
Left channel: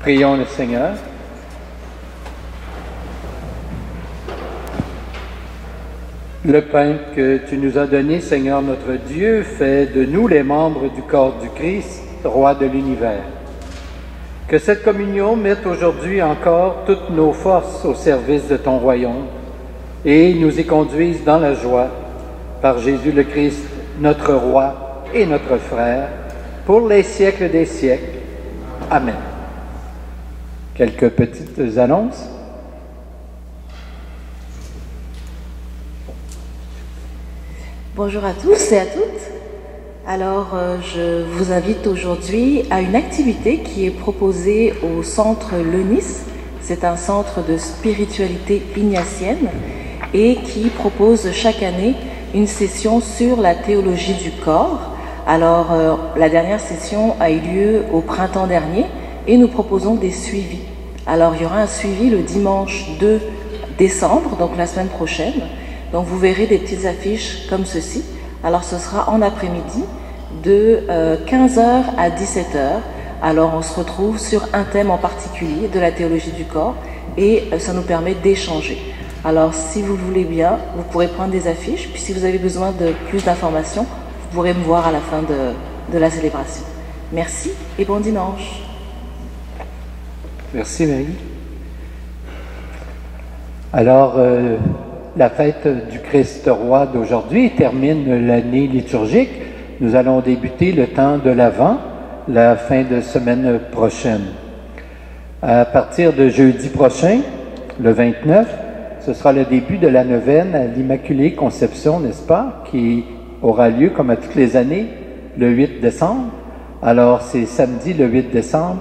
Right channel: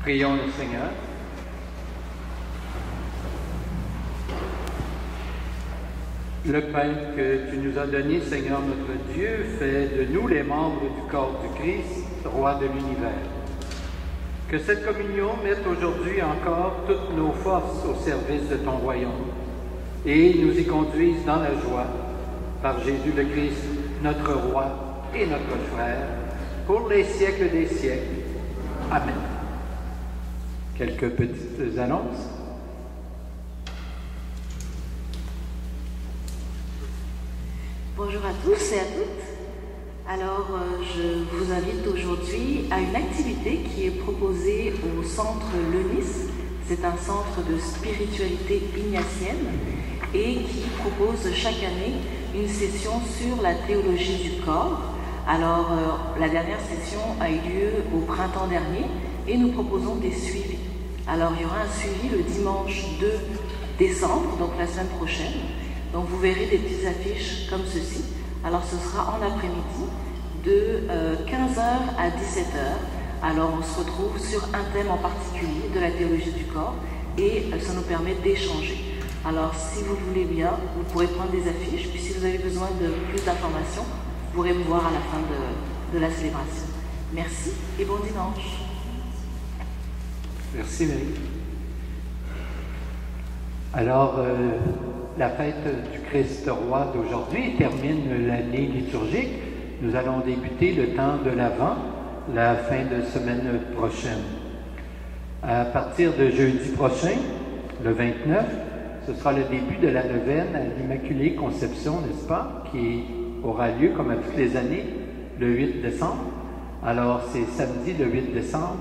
Prions le Seigneur. Le pain que tu nous as donné, Seigneur notre Dieu, fait de nous les membres du corps du Christ, roi de l'univers. Que cette communion mette aujourd'hui encore toutes nos forces au service de ton royaume et nous y conduise dans la joie par Jésus le Christ, notre roi et notre frère, pour les siècles des siècles. Amen. Quelques petites annonces. Bonjour à tous et à toutes. Alors, je vous invite aujourd'hui à une activité qui est proposée au centre Leunis. C'est un centre de spiritualité ignatienne et qui propose chaque année une session sur la théologie du corps. Alors, la dernière session a eu lieu au printemps dernier et nous proposons des suivis. Alors, il y aura un suivi le dimanche 2 décembre, donc la semaine prochaine. Donc, vous verrez des petites affiches comme ceci. Alors, ce sera en après-midi de 15h à 17h. Alors, on se retrouve sur un thème en particulier de la théologie du corps et ça nous permet d'échanger. Alors, si vous le voulez bien, vous pourrez prendre des affiches. Puis, si vous avez besoin de plus d'informations, vous pourrez me voir à la fin de la célébration. Merci et bon dimanche. Merci, Marie. Alors, la fête du Christ roi d'aujourd'hui termine l'année liturgique. Nous allons débuter le temps de l'Avent, la fin de semaine prochaine. À partir de jeudi prochain, le 29, ce sera le début de la neuvaine à l'Immaculée Conception, n'est-ce pas, qui aura lieu, comme à toutes les années, le 8 décembre. Alors, c'est samedi, le 8 décembre.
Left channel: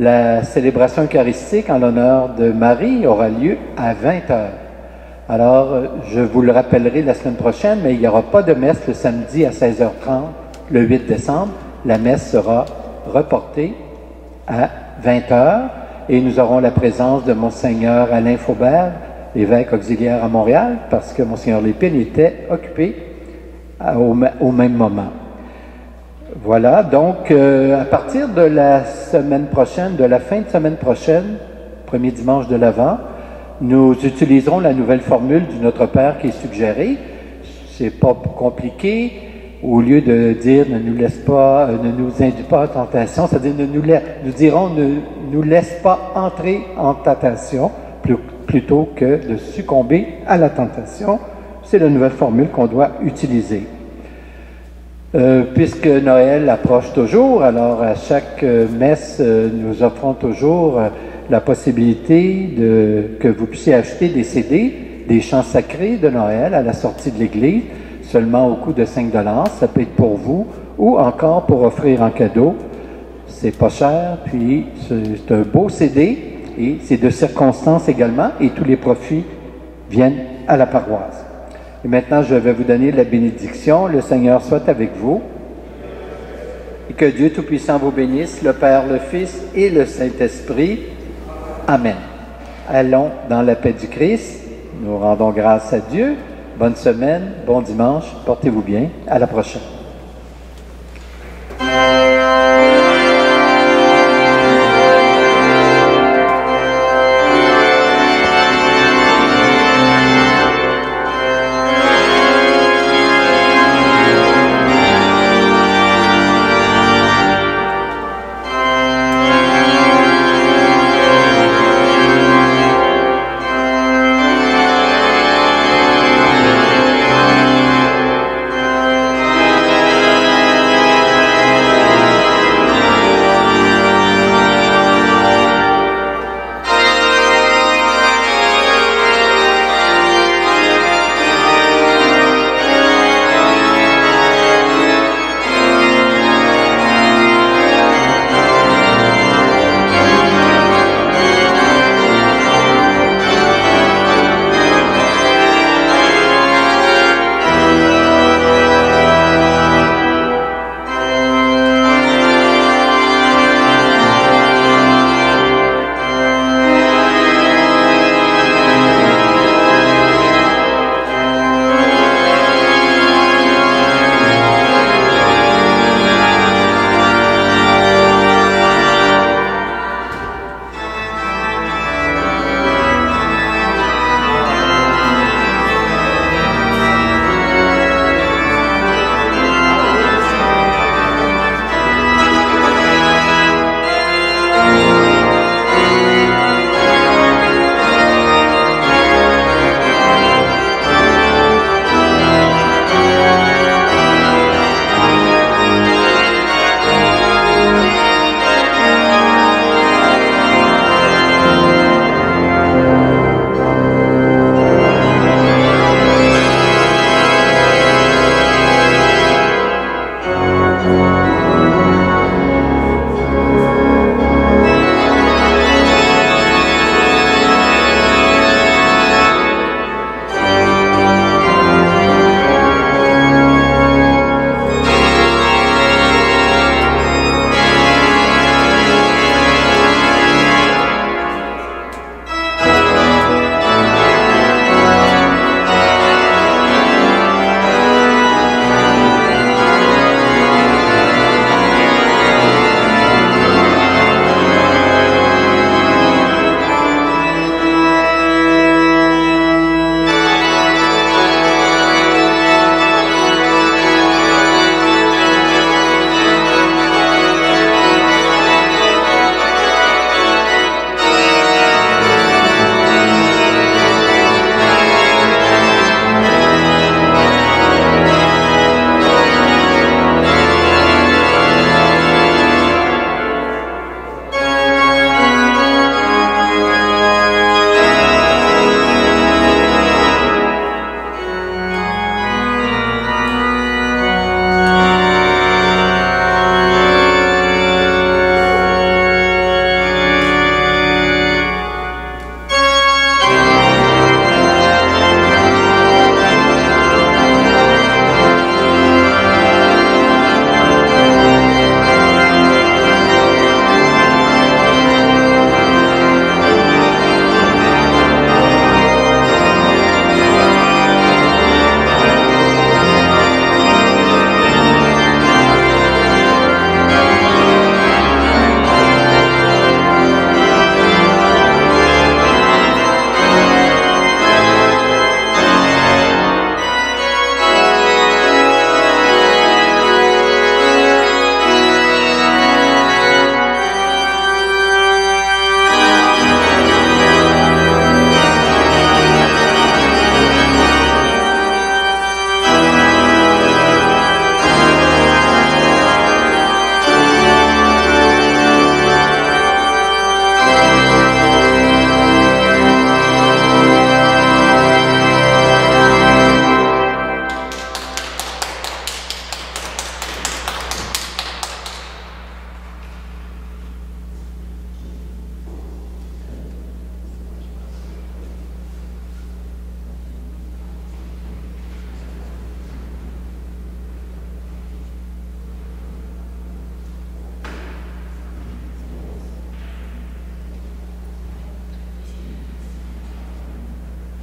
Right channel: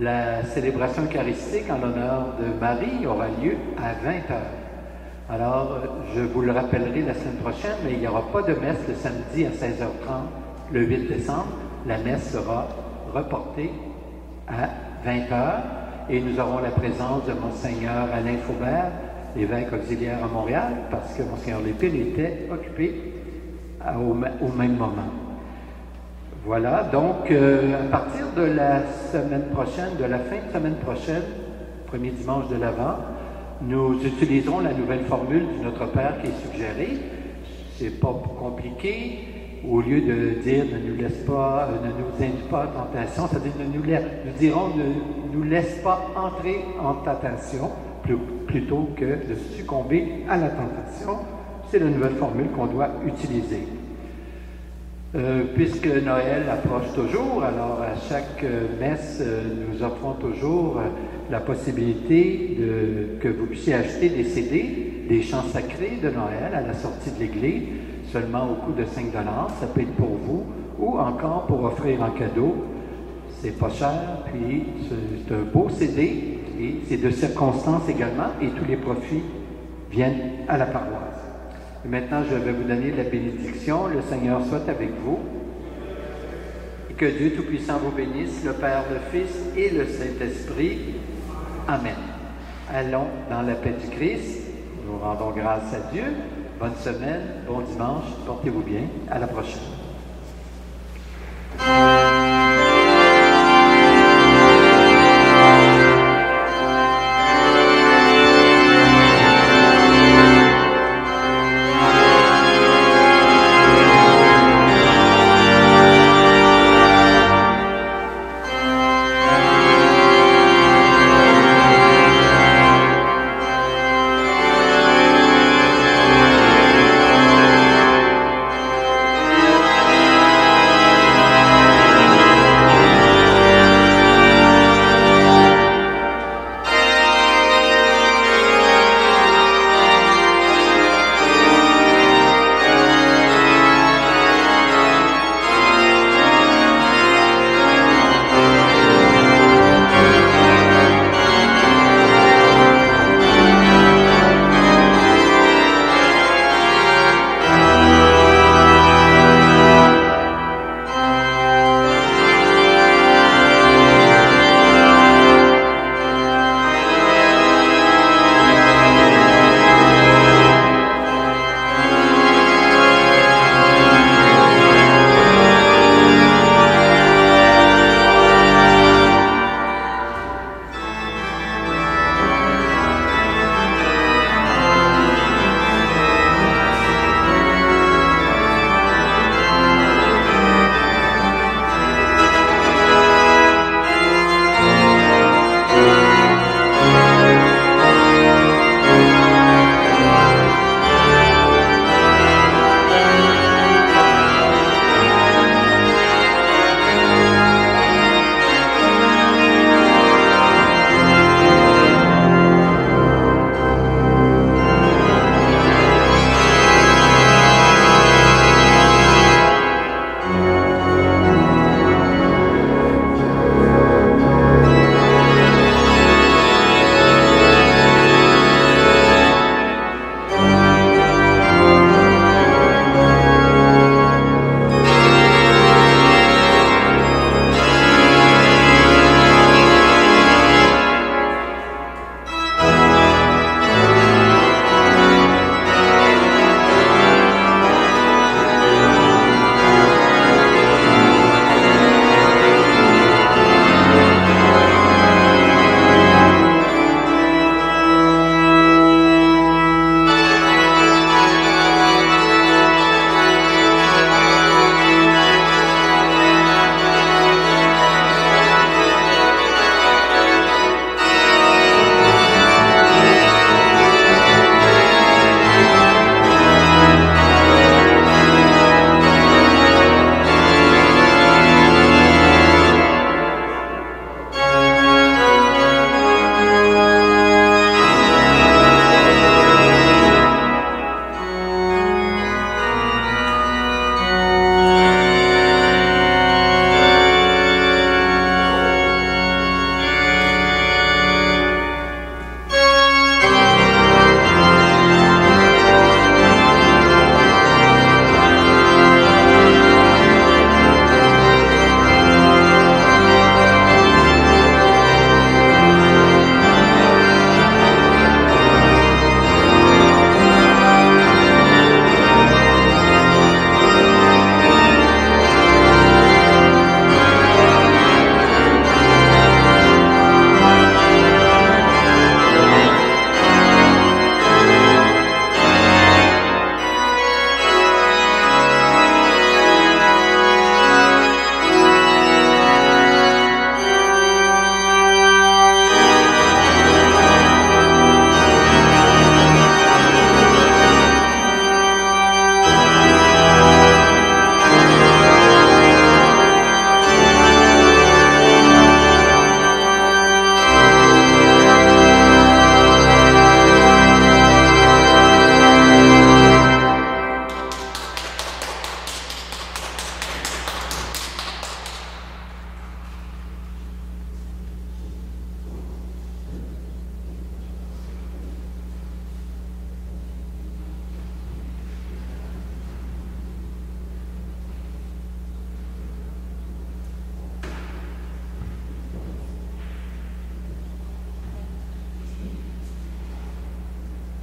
La célébration eucharistique en l'honneur de Marie aura lieu à 20h. Alors, je vous le rappellerai la semaine prochaine, mais il n'y aura pas de messe le samedi à 16h30, le 8 décembre. La messe sera reportée à 20h et nous aurons la présence de Monseigneur Alain Faubert, évêque auxiliaire à Montréal, parce que Monseigneur Lépine était occupé au même moment. Voilà, donc à partir de la semaine prochaine, de la fin de semaine prochaine, premier dimanche de l'Avent, nous utiliserons la nouvelle formule du Notre Père qui est suggérée. C'est pas compliqué. Au lieu de dire ne nous laisse pas, ne nous induis pas en tentation, c'est-à-dire nous dirons ne nous laisse pas entrer en tentation plutôt que de succomber à la tentation. C'est la nouvelle formule qu'on doit utiliser. Puisque Noël approche toujours, alors à chaque messe, nous offrons toujours la possibilité que vous puissiez acheter des CD, des chants sacrés de Noël à la sortie de l'église, seulement au coût de 5 $. Ça peut être pour vous ou encore pour offrir en cadeau. C'est pas cher, puis c'est un beau CD et c'est de circonstance également et tous les profits viennent à la paroisse. Et maintenant, je vais vous donner la bénédiction. Le Seigneur soit avec vous. Et que Dieu Tout-Puissant vous bénisse, le Père, le Fils et le Saint-Esprit. Amen. Allons dans la paix du Christ. Nous rendons grâce à Dieu. Bonne semaine, bon dimanche. Portez-vous bien. À la prochaine.